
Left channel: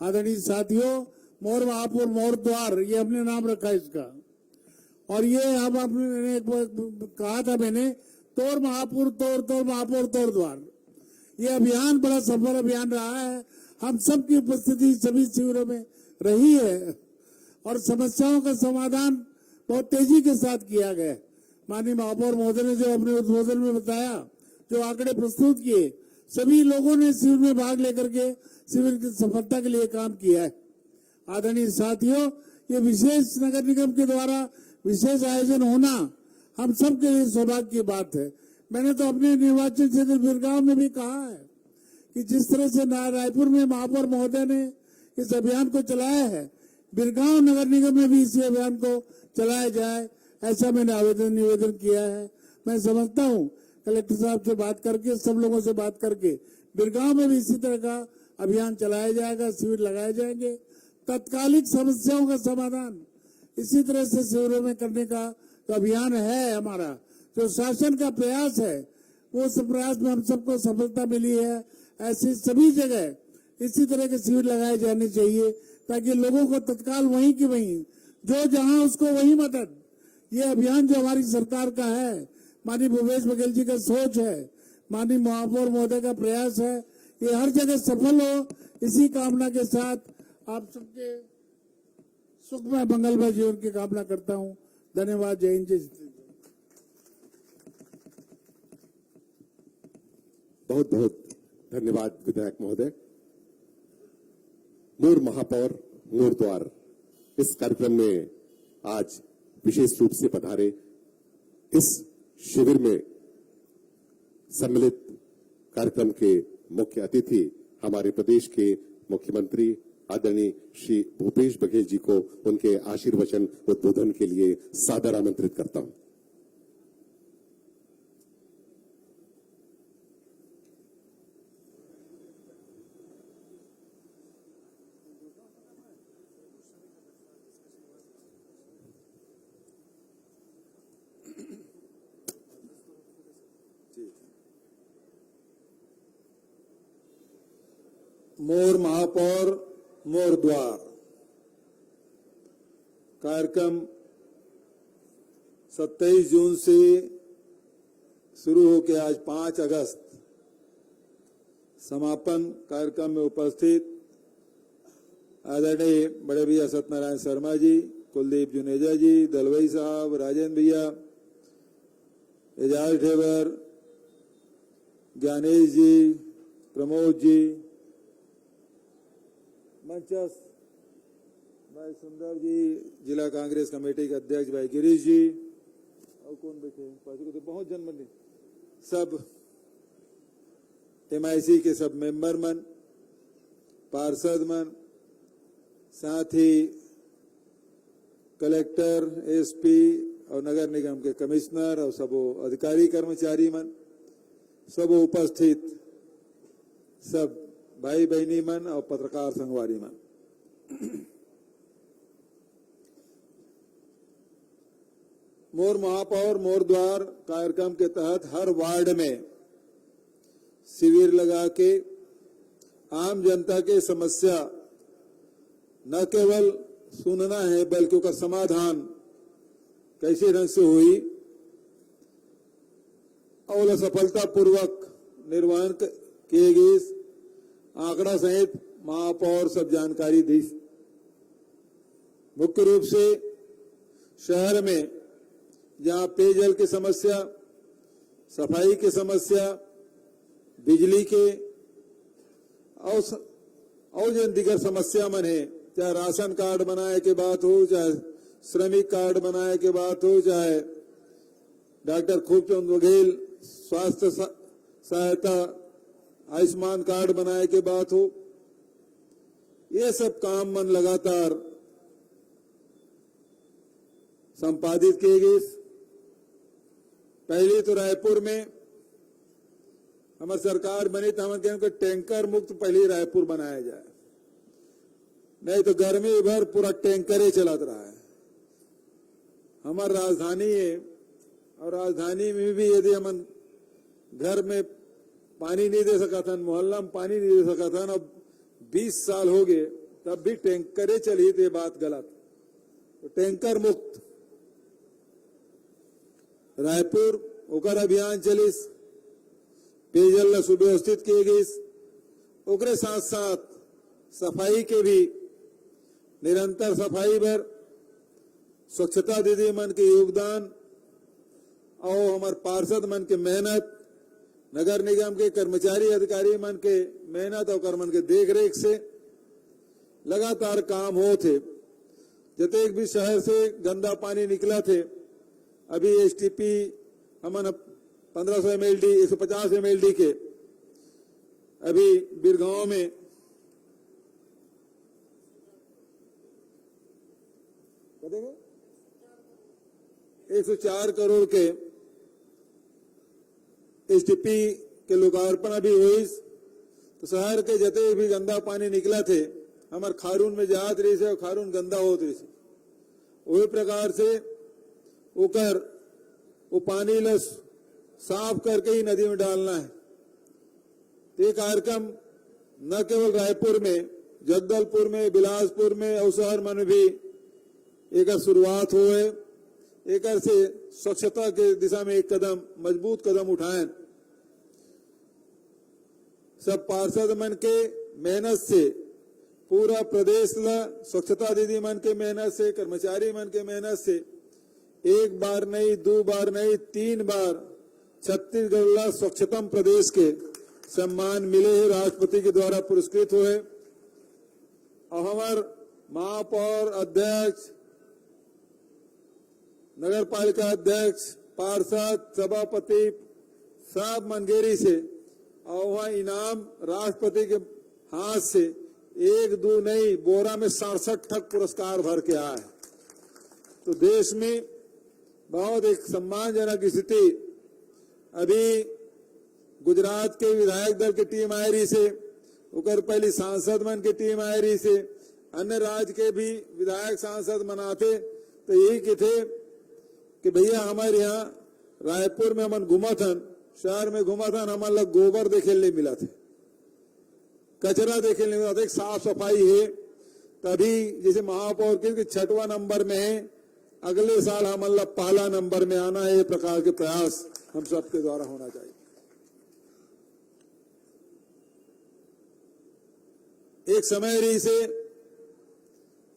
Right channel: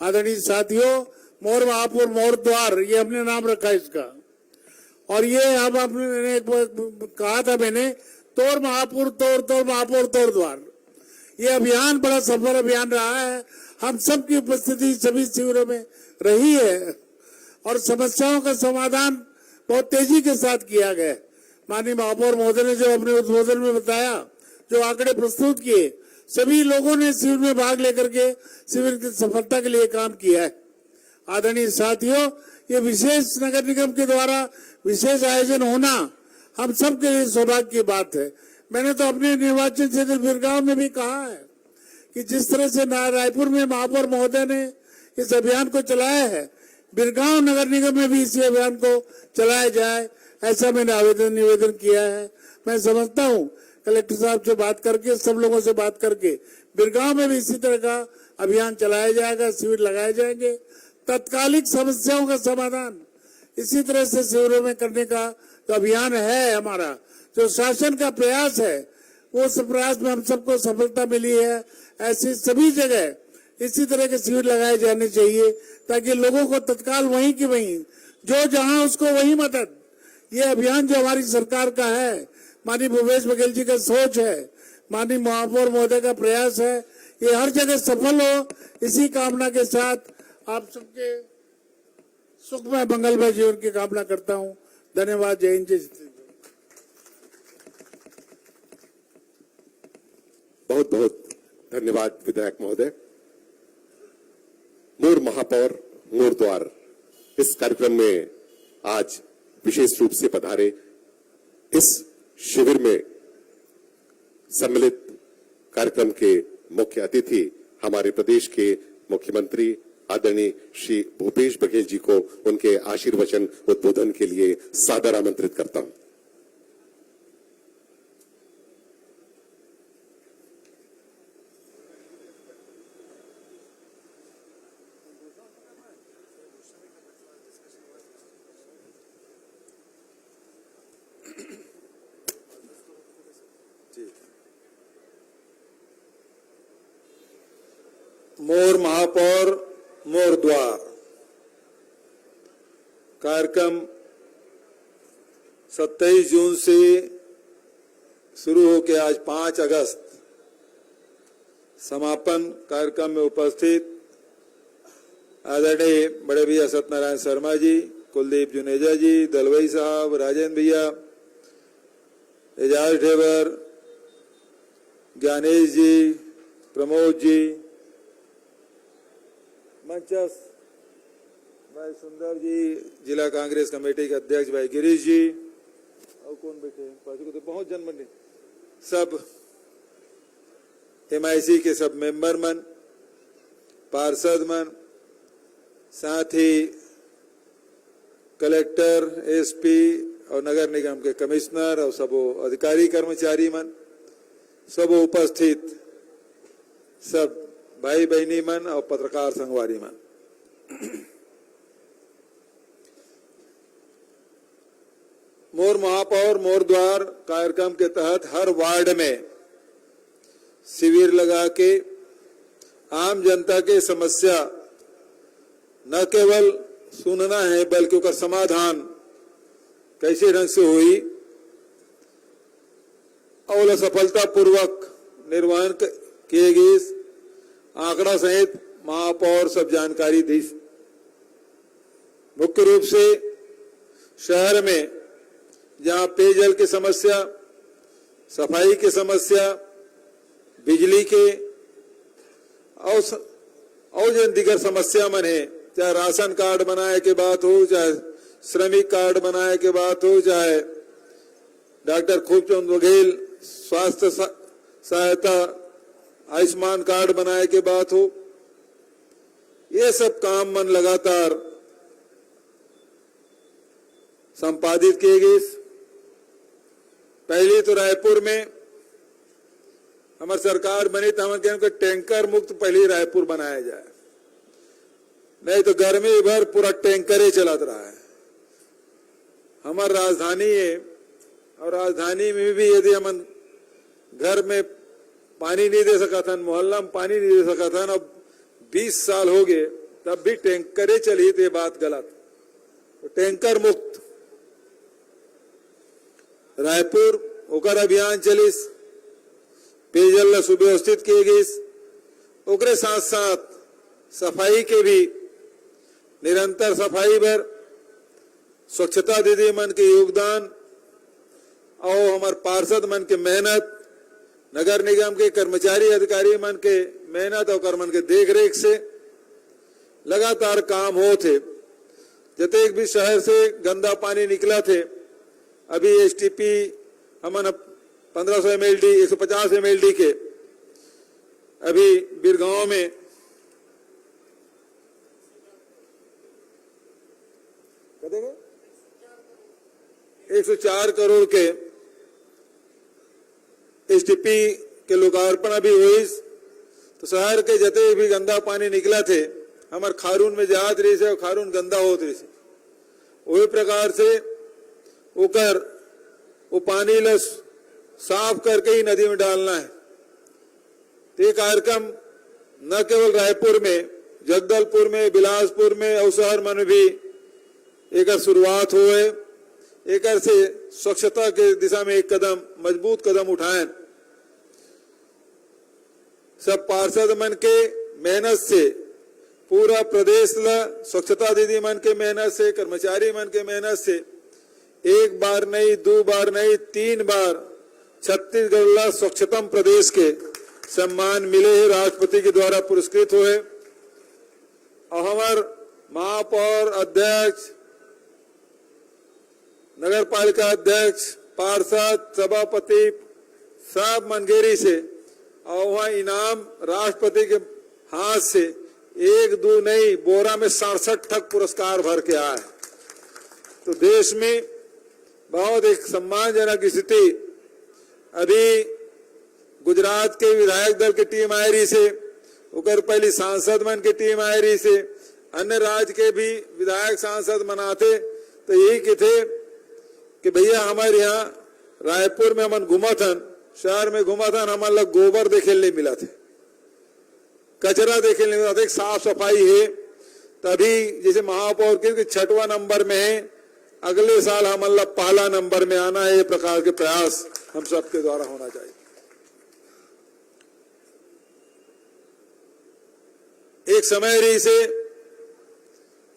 आदरणीय साथियों, मोर महापुर मोर द्वार ये हमने नाम रखा इसका। और ये अब आपने कहा था मैंने तोड़ महापुर तोड़ महापुर तोड़ द्वार, ये अभियान बड़ा सफल अभियान रहा है। हम सबकी उपस्थिति सभी शिविरों में रही है और समस्याओं का समाधान बहुत तेजी के साथ किया गया। माननीय महापौर महोदय ने जो अपने उद्बोधन में बताया, जो आंकड़े प्रस्तुत किए, सभी लोगों ने शिविर में भाग लेकर के शिविर की सफलता के लिए काम किया है। आदरणीय साथियों, ये विशेष नगर निगम के द्वारा विशेष आयोजन होना हम सबके लिए सौभाग्य की बात है। मैंने तो अपने निर्वाचन क्षेत्र बिरगांव में भी कहा है कि जिस तरह से रायपुर में महापौर महोदय ने इस अभियान को चलाया है, बिरगांव नगर निगम में भी इसी अभियान को चलाया जाए, ऐसा मैंने निवेदन किया है। मैं समझता हूँ कलेक्टर साहब से बात करके, सब लोगों से बात करके बिरगांव में भी इसी तरह का अभियान चलाया जाएगा, शिविर लगाए जाएंगे। तत्कालिक समस्याओं का समाधान इसी तरह से शिविरों में करने का जो अभियान है हमारा, जो शासन का प्रयास है, वो सब प्रयास में हम सबको सफलता मिली है। ऐसी सभी जगह इसी तरह के शिविर लगाए जाने चाहिए ताकि लोगों को तत्काल वहीं की वहीं, जो जहां उसको वही मदद। ये अभियान जो हमारी सरकार का है, माननीय भूपेश बघेल जी का सोच है, माननीय महापौर महोदय का प्रयास है, ये हर जगह सफल हो, इसी कामना के साथ आप सबके सुखमय मंगलमय जीवन की कामना करता हूं। धन्यवाद। जय हिंद, जय श्री। बहुत बहुत धन्यवाद विधायक महोदय। मोर महापौर मोर द्वार इस कार्यक्रम में आज विशेष रूप से पधारे। इस शिविर में सम्मिलित कार्यक्रम के मुख्य अतिथि हमारे प्रदेश के मुख्यमंत्री आदरणीय श्री भूपेश बघेल जी को उनके आशीर्वचन उद्बोधन के लिए सादर आमंत्रित करता हूं। मोर महापौर मोर द्वार कार्यक्रम 27 जून से शुरू होकर आज 5 अगस्त समापन कार्यक्रम में उपस्थित आदरणीय बड़े भैया सत्यनारायण शर्मा जी, कुलदीप जुनेजा जी, दलवई साहब, राजेंद्र भैया, एजाज ढेबर, ज्ञानेश जी, प्रमोद जी, मंचस भाई सुंदर जी, जिला कांग्रेस कमेटी के अध्यक्ष भाई गिरीश जी, और कौन बैठे हैं, तो बहुत जन बने, सब MIC के सब मेंबर मन, पार्षद मन, साथ ही कलेक्टर, SP और नगर निगम के कमिश्नर और सब अधिकारी कर्मचारी मन, सब उपस्थित सब भाई बहनी मन और पत्रकार संगवारी मन, मोर महापौर मोर द्वार कार्यक्रम के तहत हर वार्ड में शिविर लगा के आम जनता के समस्या न केवल सुनना है बल्कि उसका समाधान कैसे ढंग से हुई और सफलता पूर्वक निर्वहन किए गए आंकड़ा सहित महापौर सब जानकारी दी। मुख्य रूप से शहर में जहां पेयजल की समस्या, सफाई की समस्या, बिजली के और जो दिगर समस्या मन है, चाहे राशन कार्ड बनाए के बात हो, चाहे श्रमिक कार्ड बनाए के बात हो, चाहे डॉक्टर खूबचंद बघेल स्वास्थ्य सहायता आयुष्मान कार्ड बनाए के बात हो, ये सब काम मन लगातार संपादित किए गए। पहले तो रायपुर में हमारी सरकार बनी तो हम कहें कि टैंकर मुक्त पहले रायपुर बनाया जाए, नहीं तो गर्मी भर पूरा टैंकर ही चलत रहा है। हमारी राजधानी है और राजधानी में भी यदि हम घर में पानी नहीं दे सका था, मोहल्ला में पानी नहीं दे सका था, अब 20 साल हो गए तब भी टैंकरे चली, तो ये बात गलत। तो टैंकर मुक्त रायपुर ओकर अभियान चलिस, पेयजल सुव्यवस्थित किए गए, ओकरे साथ साथ सफाई के भी निरंतर सफाई भर स्वच्छता दीदी मन के योगदान और हमारे पार्षद मन के मेहनत, नगर निगम के कर्मचारी अधिकारी मन के मेहनत और कर्मन के देख रेख से लगातार काम हो थे। जतेक भी शहर से गंदा पानी निकला थे, अभी STP हमन 1500 MLD 150 MLD के अभी बिरगांव में कदेंगे 104 करोड़ के STP के लोकार्पण अभी हुई। तो शहर के जते भी गंदा पानी निकला थे हमारे खारून में जात रही से और खारून गंदा होत रही से, वही प्रकार से ओकर वो पानी ल साफ करके ही नदी में डालना है। तो ये कार्यक्रम न केवल रायपुर में, जगदलपुर में, बिलासपुर में और शहर में भी एक शुरुआत हुए। एक से स्वच्छता के दिशा में एक कदम मजबूत कदम उठाएं। सब पार्षद मन के मेहनत से पूरा प्रदेश ला स्वच्छता दीदी मन के मेहनत से, कर्मचारी मन के मेहनत से एक बार नहीं, 2 बार नहीं, 3 बार छत्तीसगढ़ ला स्वच्छतम प्रदेश के सम्मान मिले है, राष्ट्रपति के द्वारा पुरस्कृत हुए। और हमार महापौर अध्यक्ष, नगर पालिका अध्यक्ष, पार्षद, सभापति सब मनगेरी से और वहाँ इनाम राष्ट्रपति के हाथ से 1, 2 नहीं, बोरा में 67 ठक पुरस्कार भर के आए। तो देश में बहुत एक सम्मानजनक स्थिति। अभी गुजरात के विधायक दल की टीम आई रही से, उकर पहली सांसद मन की टीम आई रही से, अन्य राज्य के भी विधायक सांसद मनाते। तो यही के थे कि भैया हमारे यहाँ रायपुर में हमन घुमा था, शहर में घुमा था, हमारे लोग गोबर देखे नहीं मिला थे, कचरा देखे नहीं मिला था, एक साफ सफाई है। तभी जैसे महापौर के 6वां नंबर में है अगले साल हम अल्लाह पहला नंबर में आना है, ये प्रकार के प्रयास हम सबके द्वारा होना चाहिए। एक समय रही से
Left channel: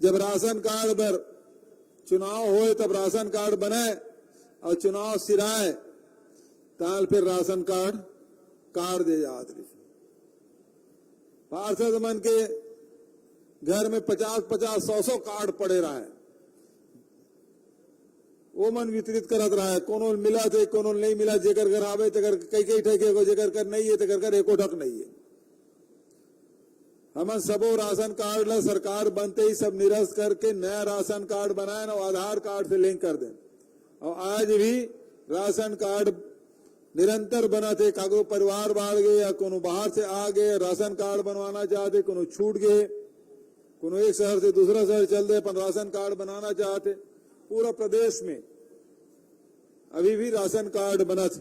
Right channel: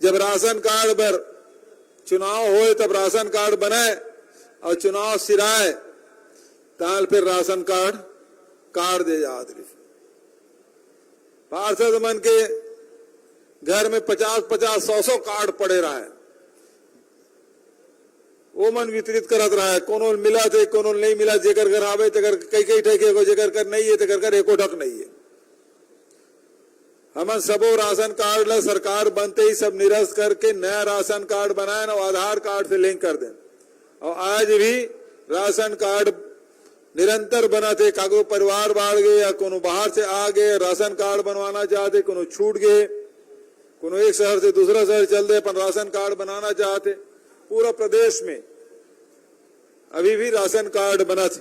जब राशन कार्ड पर चुनाव होए तब राशन कार्ड बनाए और चुनाव सिराए ताल फिर राशन कार्ड दे याद रही। पार्षद मन के घर में 50-50, 100-100 कार्ड पड़े रहा है, वो मन वितरित करत रहा है। कोनो मिला थे कोनो नहीं मिला, जेकर घर आवे तेकर कई ठेके को, जेकर कर नहीं है तेकर घर एको ठक नहीं है। हम सबो राशन कार्ड ला सरकार बनते ही सब निरस्त करके नया राशन कार्ड बनाए और आधार कार्ड से लिंक कर दें। और आज भी राशन कार्ड निरंतर बना थे, कागो परिवार बाढ़ गए या कोनो बाहर से आ गए राशन कार्ड बनवाना चाहते, कोनो छूट गए, कोनो एक शहर से दूसरा शहर चल दे अपन राशन कार्ड बनाना चाहते। पूरा प्रदेश में अभी भी राशन कार्ड बना थे।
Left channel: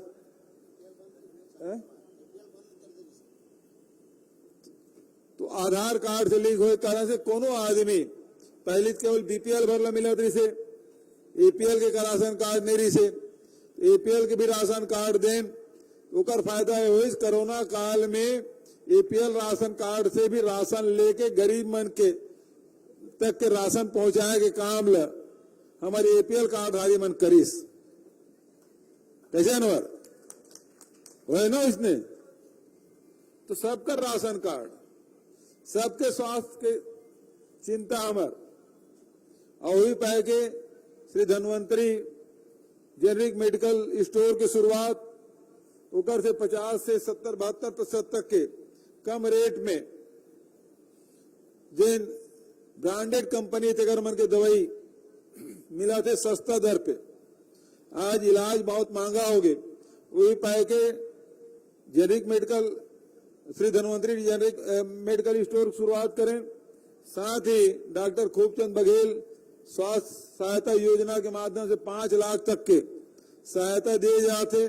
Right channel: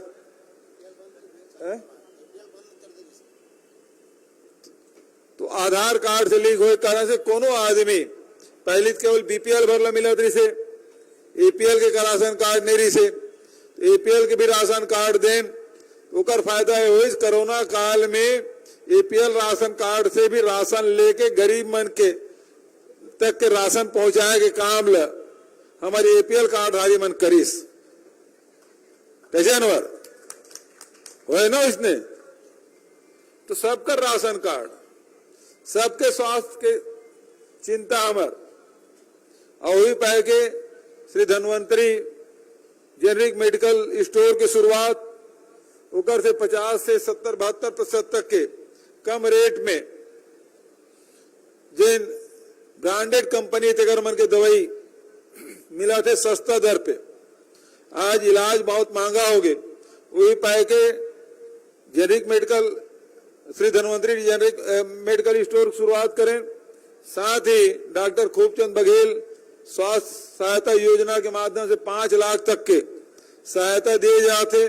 तो आधार कार्ड से लिंक होए कारण से कोनो आदमी पहले केवल बीपीएल भरला मिला थी से, एपीएल के राशन कार्ड नहीं रही से, एपीएल के भी राशन कार्ड दें ओकर फायदा है। हुई कोरोना काल में एपीएल राशन कार्ड से भी राशन लेके गरीब मन के तक के राशन पहुंचाए के काम ल हमारे एपीएल कार्डधारी मन करीस। कैसे अनवर हुए ना इसने, तो सबका राशन कार्ड, सबके स्वास्थ्य के चिंता हमर और वही पाए के Shri Dhanvantari generic medical store की शुरुआत उकर से 50 से 70-72% तक के कम रेट में जिन ब्रांडेड कंपनी तेगर मन के दवाई मिला थे सस्ता दर पे। आज इलाज बहुत महंगा हो गए, वही पाए के generic medical Shri Dhanvantari generic medical store की शुरुआत करें। साथ ही डॉक्टर खूबचंद बघेल स्वास्थ्य सहायता योजना के माध्यम से 5 लाख तक के सहायता दिए जाते।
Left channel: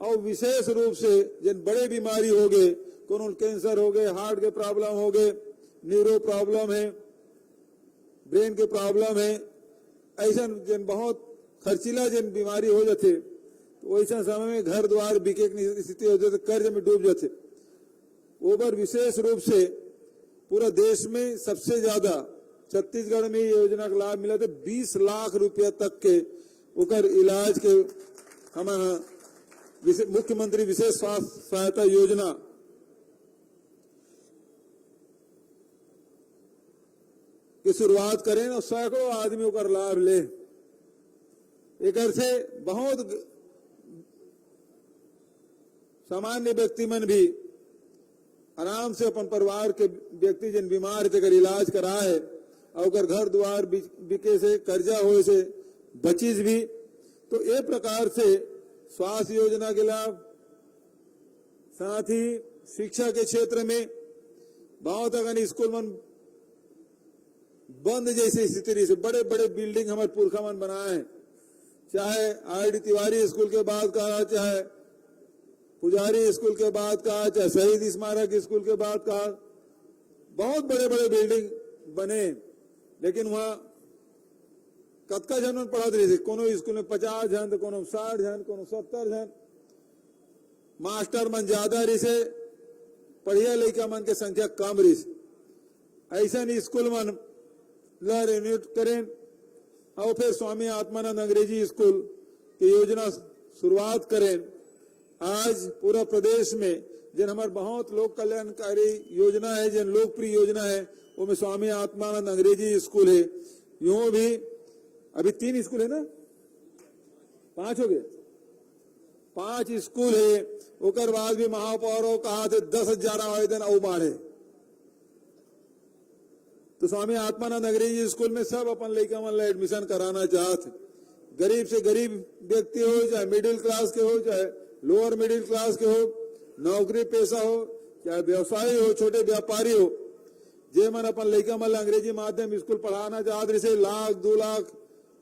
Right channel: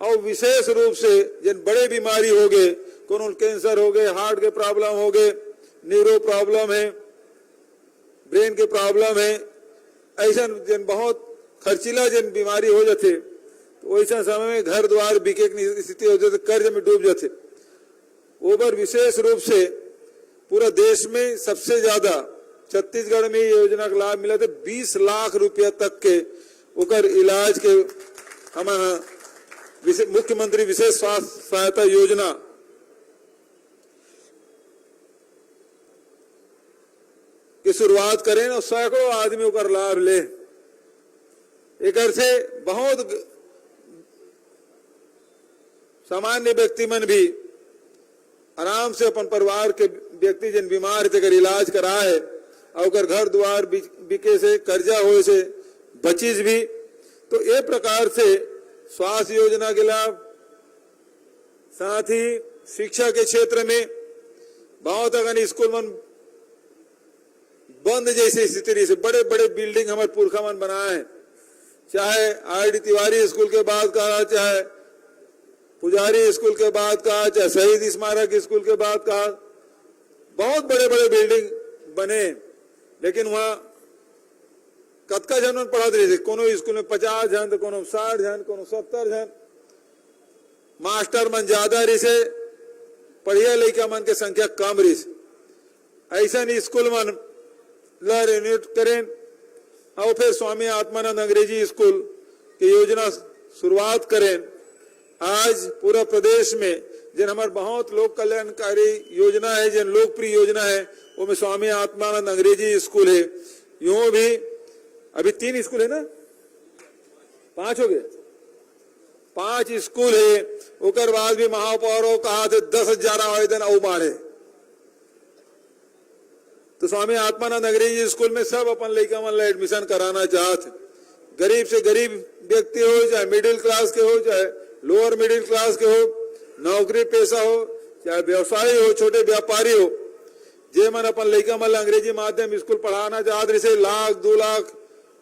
और विशेष रूप से जिन बड़े बीमारी हो गए, कोनो कैंसर हो गए, हार्ट के प्रॉब्लम हो गए, न्यूरो प्रॉब्लम है, ब्रेन के प्रॉब्लम है, ऐसा जिन बहुत खर्चीला जिन बीमारी हो जाते, तो वैसा समय में घर द्वार बिके की स्थिति हो जाती, कर्ज में डूब जाते। ओवर विशेष रूप से पूरा देश में सबसे ज्यादा छत्तीसगढ़ में योजना का लाभ मिला था। 20 लाख रुपया तक के उकर इलाज के हमारा मुख्यमंत्री विशेष स्वास्थ्य सहायता योजना की शुरुआत करें और सैकड़ों आदमियों का लाभ ले। एक से बहुत सामान्य व्यक्ति मन भी आराम से अपन परिवार के व्यक्ति जिन बीमार थे कर इलाज कराए और घर द्वार बिके से कर्जा हो से बचीज भी। तो ये प्रकार से स्वास्थ्य योजना के लाभ, साथ ही शिक्षा के क्षेत्र में बहुत अगर स्कूल मन बंद जैसी स्थिति से बड़े बड़े बिल्डिंग हमारे पुरखा मन बनाए हैं, चाहे आईडी तिवारी स्कूल के बाद कहा, चाहे पुजारी स्कूल के बाद कहा, चाहे शहीद स्मारक स्कूल के बाद कहा, बहुत बड़े बड़े बिल्डिंग बने। लेकिन वहां कतका जन पढ़ाते रहे थे, कोनो स्कूल में 50 जन, कोनो 60 जन, कोनो 70 जन, मास्टर मन ज्यादा रही से, पढ़िया लड़का मन के संख्या कम रही से। ऐसा नहीं स्कूल मन ला रिन्यूट करें और फिर स्वामी आत्मानंद अंग्रेजी स्कूल की योजना शुरुआत करें। आज पूरा प्रदेश में जिन हमारे बहुत लोक कल्याणकारी योजना है, जिन लोकप्रिय योजना है, वो में स्वामी आत्मानंद अंग्रेजी स्कूल है। यूं भी अभी 3 स्कूल है ना, 5 हो गए, 5 स्कूल है। उकर बाद भी महापौरों कहा थे 10,000 आवेदन और बाढ़े। तो स्वामी आत्मानंद अंग्रेजी स्कूल में सब अपन लड़का मन एडमिशन कराना चाहते। गरीब से गरीब व्यक्ति हो, चाहे मिडिल क्लास के हो, चाहे लोअर मिडिल क्लास के हो, नौकरी पेशा हो, चाहे व्यवसायी हो, छोटे व्यापारी हो, जे मन अपन लड़का मन अंग्रेजी माध्यम स्कूल पढ़ाना चाहते से 1 लाख 2 लाख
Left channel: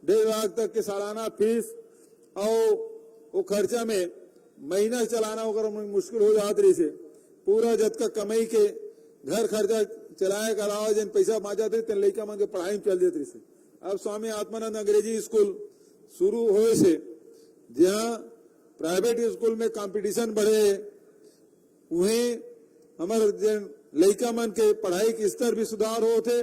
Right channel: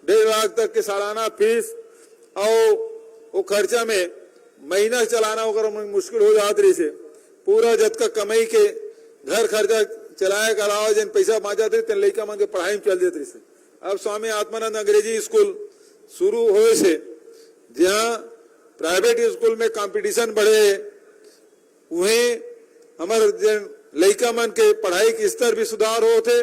1.5 लाख तक के सालाना फीस और वो खर्चा में महीना चलाना होकर मुश्किल हो जाती रही से। पूरा जत का कमाई के घर खर्चा चलाए के अलावा जिन पैसा बाँच जाते तेन लड़का मन के पढ़ाई में चल जाते से। अब स्वामी आत्मानंद अंग्रेजी स्कूल शुरू होए से जहाँ प्राइवेट स्कूल में कंपटीशन बढ़े वहीं हमारे जन लड़का मन के पढ़ाई के स्तर भी सुधार होते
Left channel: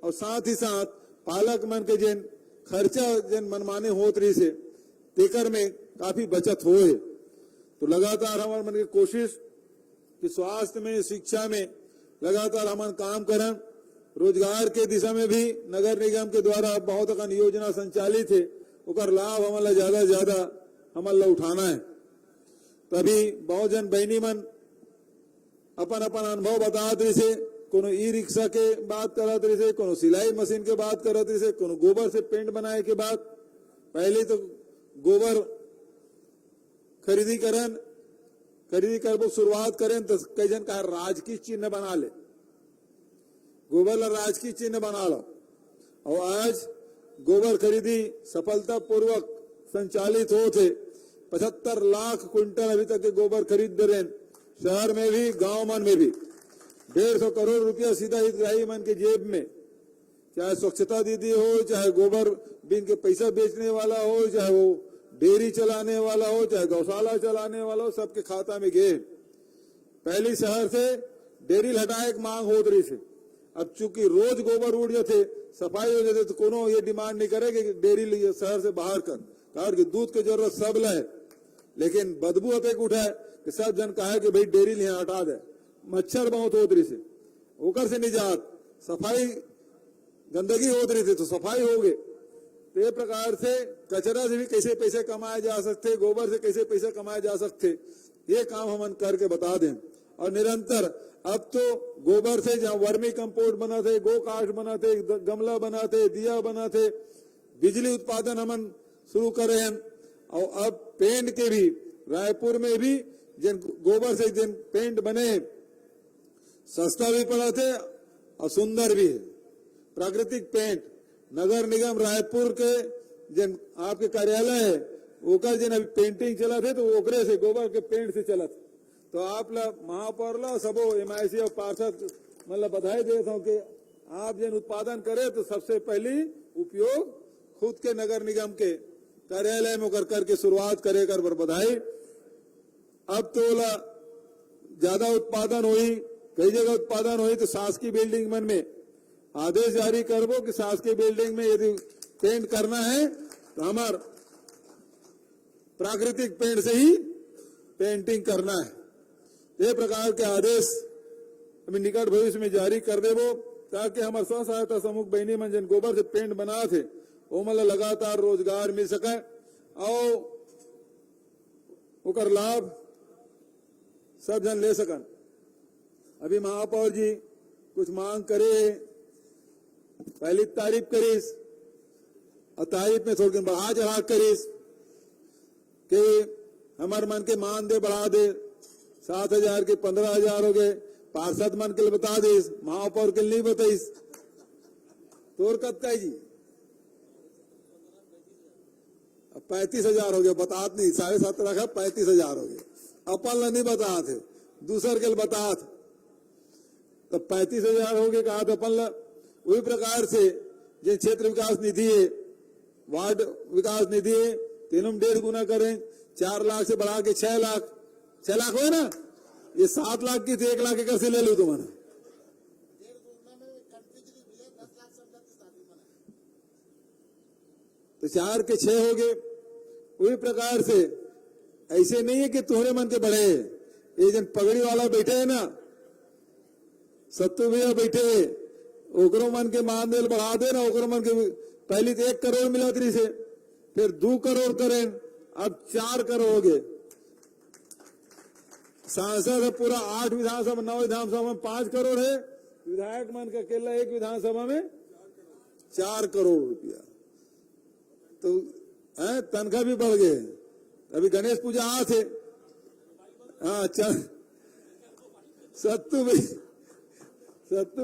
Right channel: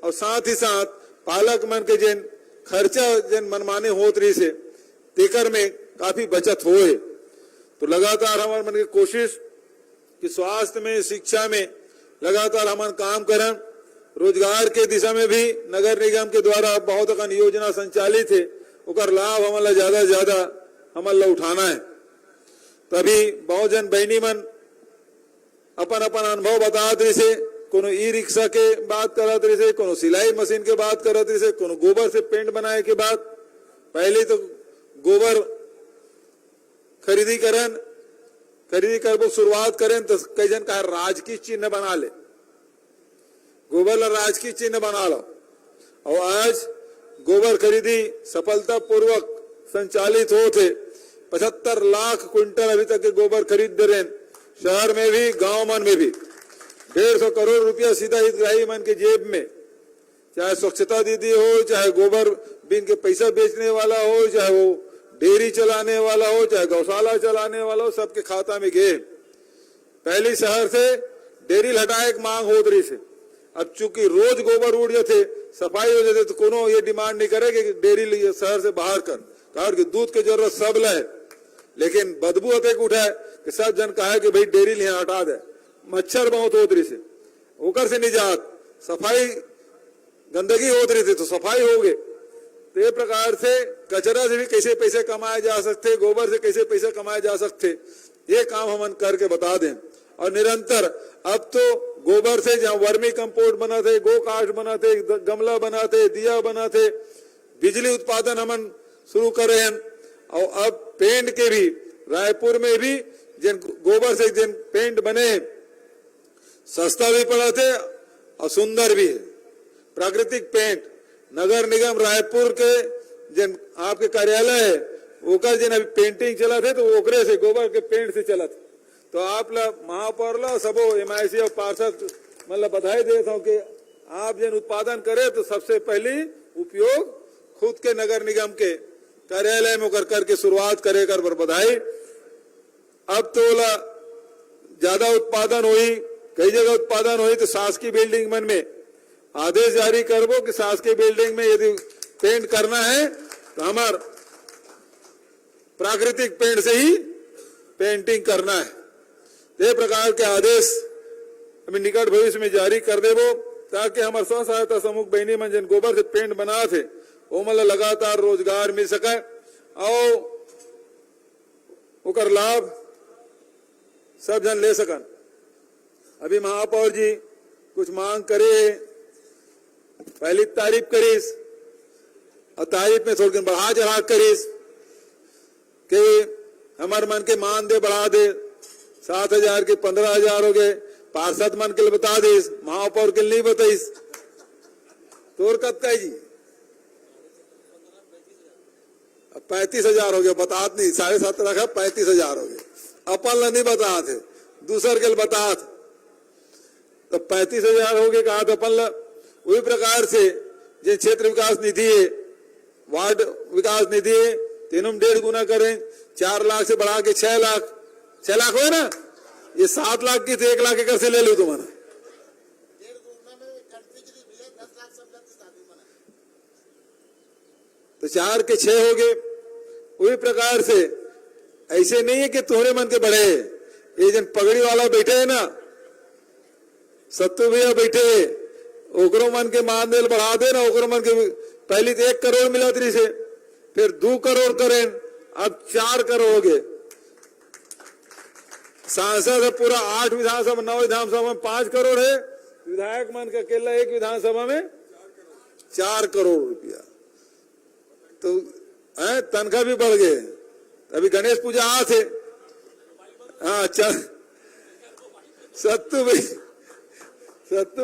और साथ ही साथ पालक मन के जन खर्चा जन मनमाने होत रही से तेकर में काफी बचत होए। तो लगातार हमारे मन की कोशिश कि स्वास्थ्य में शिक्षा में लगातार हम काम करें। रोजगार के दिशा में भी नगर निगम के द्वारा बहुत अकन योजना संचालित है, उकर लाभ हमारा ज्यादा से ज्यादा हमारा उठाना है। तभी बहुत जन बहनी मन अपन अपन अनुभव बतात रही से, कोनो ई रिक्शा के बात करत रही से, कोनो सिलाई मशीन के बात करत रही से, कोनो गोबर से पेंट बनाए के बात। पहले तो गोबर खरीदी करबो शुरुआत करें तो कई जन कहा राजकीय चिन्ह बना ले, गोबर ला राजकीय चिन्ह बना लो। और आज गोबर खरीदी सफलता पूर्वक संचालित होते 75 लाख क्विंटल अभी तक के गोबर खरीद दे रहे। शहर में भी गांव मन में भी 150 करोड़ रुपया सीधा हितग्राही मन के जेब में, चाहे स्वच्छता दीदी हो, चाहे गोबर बिन के पैसा बेचने वाला हो, चाहे वो डेयरी चलाने वाला हो, चाहे गौशाला चलाने वाला हो, सबके खाता में गए। पहली शहर से डेयरी हटाए एक मांग होत रही से, अब चूंकि रोज गोबर उड़ जाते सफाई हो जाते तो कोनो ये डिमांड नहीं करे कि डेयरी शहर से बाहर कर, कारण कि दूध की जरूरत सब ले, लेकिन बदबू होते उठाए कि सब जन कहा कि भाई डेयरी यहाँ हटा दे। मच्छर बहुत होत रही से, ओकर से निजात, सफाई गंदगी होत रही थी तो सफाई हो गए। तो ये प्रकार से कचरा से भी कैसे पैसे कमाए जा सकते, गोबर से कैसे पैसे कमाए जा सकते, ये काम हम करके बता दें। और निरंतर अब तो गोबर से जहाँ वर्मी कंपोस्ट बनाते, गो काष्ठ बनाते, गमला बनाते, दिया बनाते, बिजली उत्पादन हम शुरू करे हैं। और अब पेंट के भी रायपुर में भी जिन गोबर से जिन पेंट बने सस्ता भी पड़ा थे और सुंदर भी है। प्राकृतिक पेंट नगर निगम रायपुर के जिन आपके कार्यालय है ओकर जिन अभी पेंटिंग चला थे तो ओकरे से गोबर के पेंट से चला था। तो आप ला महापौर ला सबो MIC और पार्षद मतलब बधाई देता हूँ कि आप जिन उत्पादन करे तो सबसे पहली उपयोग खुद के नगर निगम के कार्यालय में करके शुरुआत करे कर बधाई। अब तो ज्यादा उत्पादन हुई, कई जगह उत्पादन हुई तो शासकीय बिल्डिंग मन में आदेश जारी करबो कि शासकीय बिल्डिंग में यदि पेंट करना है तो हमार प्राकृतिक पेंट से ही पेंटिंग करना है। ये प्रकार के आदेश अभी निकट भविष्य में जारी कर देबो ताकि हमारे स्व सहायता समूह बहनी मन जिन गोबर से पेंट बना थे वो मतलब लगातार रोजगार मिल सके और उकर लाभ सब जन ले सकन। अभी महापौर जी कुछ मांग करे, पहली तारीफ करीस और तारीफ में थोड़ी बढ़ा चढ़ा करीस कि हमारे मन के मान दे बढ़ा दे, 7,000 के 15,000 हो गए, पार्षद मन के लिए बता दीस, महापौर के लिए नहीं बताइस। तोर कब का जी 35,000 हो गया, बतात नहीं, 7.5 रखा 35,000 हो गए। अपन ला नहीं बता थे, दूसर के बता थे तो 35,000 हो गए कहा तो अपन ला। वही प्रकार से जिन क्षेत्र विकास निधि है, वार्ड विकास निधि है, तीनों 1.5 गुना करें, 4 लाख से बढ़ा के 6 लाख, 6 लाख हो ना, ये 7 लाख की तो 1 लाख एकड़ से ले लो तुम्हारा। तो 4 के 6 हो गए। वही प्रकार से ऐसे नहीं है कि तुम्हारे मन के बढ़े, ये जन पगड़ी वाला बैठे है ना, सत्तू भैया बैठे है, ओकरो मन के मानदेल बढ़ा दे ना, ओकरो मन के पहले तो 1 करोड़ मिला थी से, फिर 2 करोड़ करें, अब 4 करोड़ हो गए। सांसद है पूरा 8 विधानसभा, 9 विधानसभा में 5 करोड़ है, विधायक मन का अकेला एक विधानसभा में 4 करोड़ रुपया। तो तनख्वाह भी बढ़ गए। अभी गणेश पूजा आ थे, हाँ चल सत्तू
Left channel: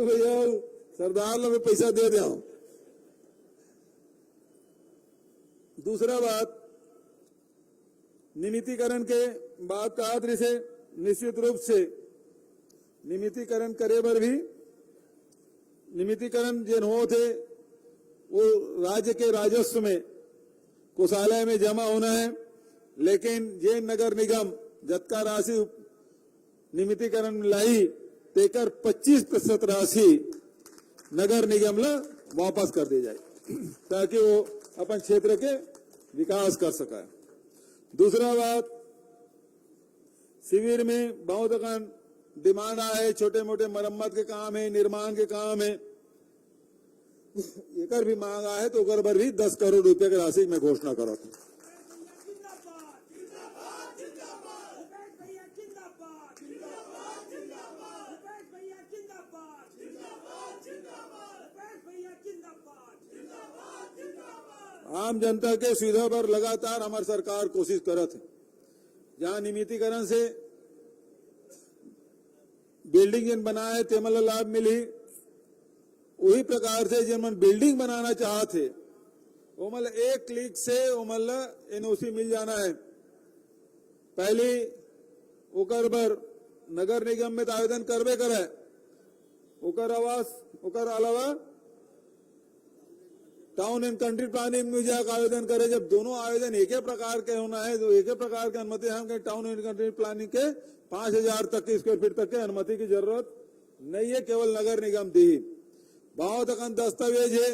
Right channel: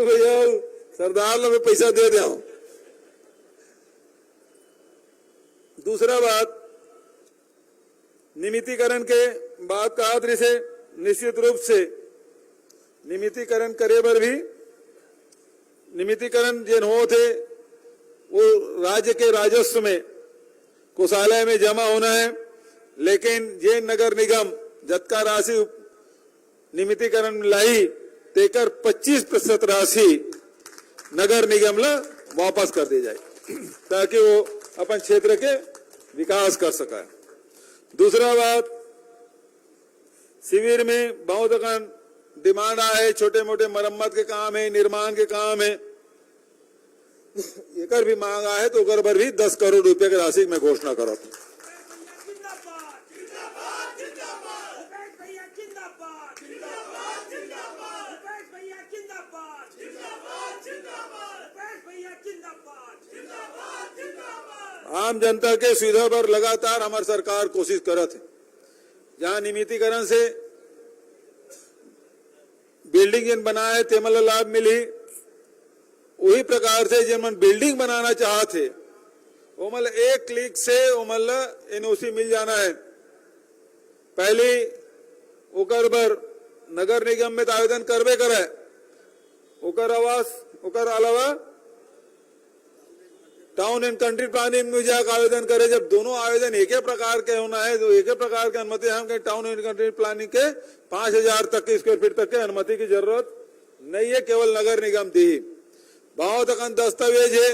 भैया सरदार लोग में पैसा दे दे। दूसरा बात, नियमितीकरण के बात कहा था से निश्चित रूप से नियमितीकरण करे बर भी नियमितीकरण जिन हो थे वो राज्य के राजस्व में कोषालय में जमा होना है, लेकिन ये नगर निगम जतका राशि नियमितीकरण में लाई तेकर 25% राशि नगर निगम ला वापस कर दी जाए ताकि वो अपन क्षेत्र के विकास कर सका। दूसरा बात, शिविर में बहुत अकन डिमांड आए, छोटे मोटे मरम्मत के काम है, निर्माण के काम है, एकर भी मांग आए तो ओकर पर भी 10 करोड़ रुपए की राशि मैं घोषणा करो। आम जनता के सुविधा पर लगातार हमारी सरकार कोशिश करत है। जहां नियमितीकरण से बिल्डिंग जिन बनाए तेमल लाभ मिली, वही प्रकार से जिन बिल्डिंग बनाना चाहते ओमल एक क्लिक से ओमल एनओसी मिल जाना है। पहली ओकर बर नगर निगम में आवेदन करबे करे, ओकर आवास ओकर अलावा टाउन एंड कंट्री प्लानिंग में जाकर आवेदन करे। जब दोनों आवेदन एक ही प्रकार के होना है तो एक ही प्रकार की अनुमति हम कहीं टाउन एंड कंट्री प्लानिंग के 5000 तक के स्क्वायर फीट तक के अनुमति की जरूरत नहीं है, केवल नगर निगम दी। बहुत अकन दस्तावेज है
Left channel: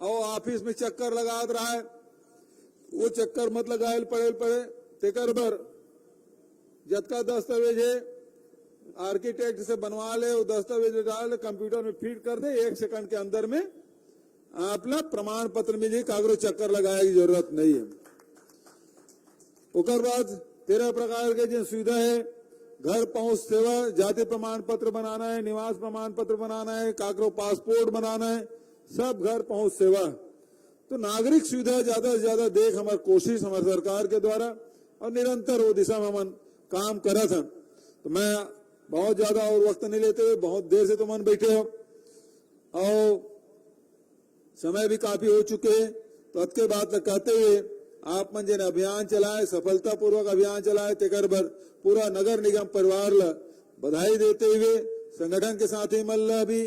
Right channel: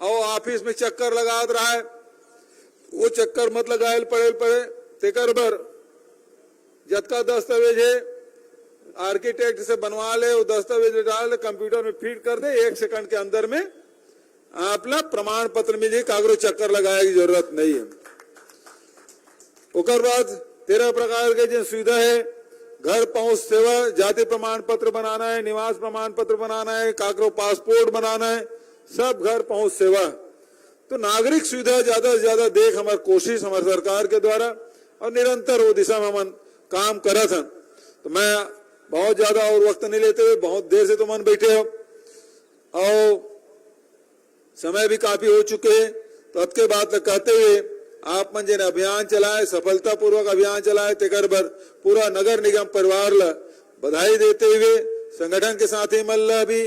और ऑफिस में चक्कर लगा रहा है, वो चक्कर मत लगाए पड़े तेकर बर जतका दस्तावेज है आर्किटेक्ट से बनवा ले, वो दस्तावेज डाल दे, कंप्यूटर में फीड कर दे, 1 सेकंड के अंदर में आपला प्रमाण पत्र मिल जाए, कागरो चक्कर लगाए की जरूरत नहीं है। उकर बाद 13 प्रकार के जो सुविधा है, घर पहुंच सेवा, जाति प्रमाण पत्र बनाना है, निवास प्रमाण पत्र बनाना है, कागरो पासपोर्ट बनाना है, सब घर पहुंच सेवा। तो नागरिक सुविधा ज्यादा से ज्यादा देख हमारी कोशिश हमारी सरकार के द्वारा और निरंतर वो दिशा में हम काम करत हैं। तो मैं बहुत ज्यादा और वक्त नहीं लेते हुए, बहुत देर से तो मन बैठे हो और समय भी काफी हो चुके हैं, तो अब के बात कहते हुए आप मन जिन अभियान चलाए, सफलतापूर्वक अभियान चलाए, तेकर बर पूरा नगर निगम परिवार ला बधाई देते हुए संगठन के साथी मन ला भी,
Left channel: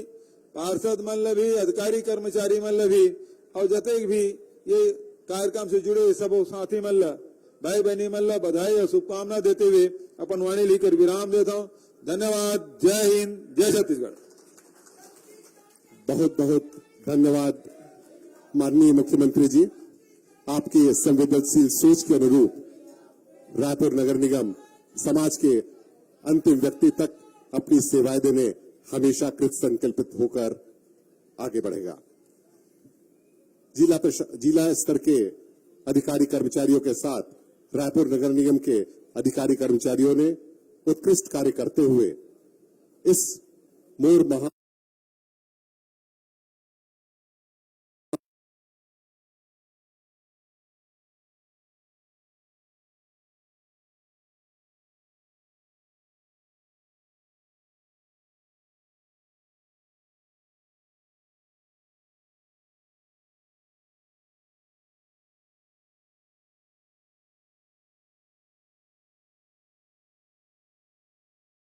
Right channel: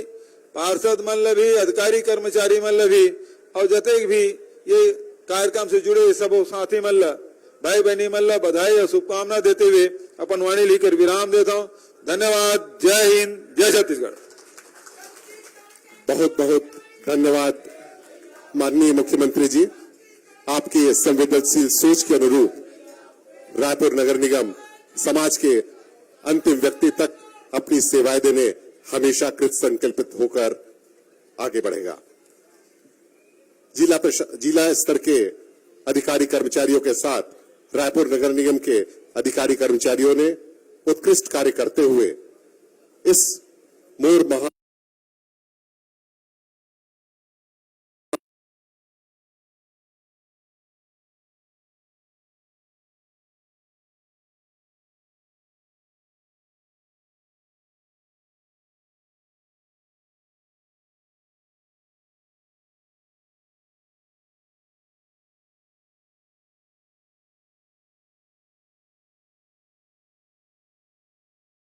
पार्षद मन ला भी, अधिकारी कर्मचारी मन ला भी और जते भी ये कार्यक्रम से जुड़े सब साथी मन ला, भाई बहनी मन ला बधाई और शुभकामना देते हुए अपन वाणी लेकर विराम देता हूँ। धन्यवाद। जय हिंद, जय छत्तीसगढ़। बहुत बहुत धन्यवाद माननीय मुख्यमंत्री जी। आपकी संवेदनशील सोच के अनुरूप रायपुर नगर निगम समाज के अंतिम व्यक्ति तक अपनी सेवाएं देने हमेशा कृत संकल्पित होकर आगे बढ़ेगा। जिला स्तर के अधिकारी कर्मचारियों के साथ रायपुर नगर निगम के अधिकारी कर्मचारियों ने उत्कृष्ट कार्य करते हुए इस मोर महा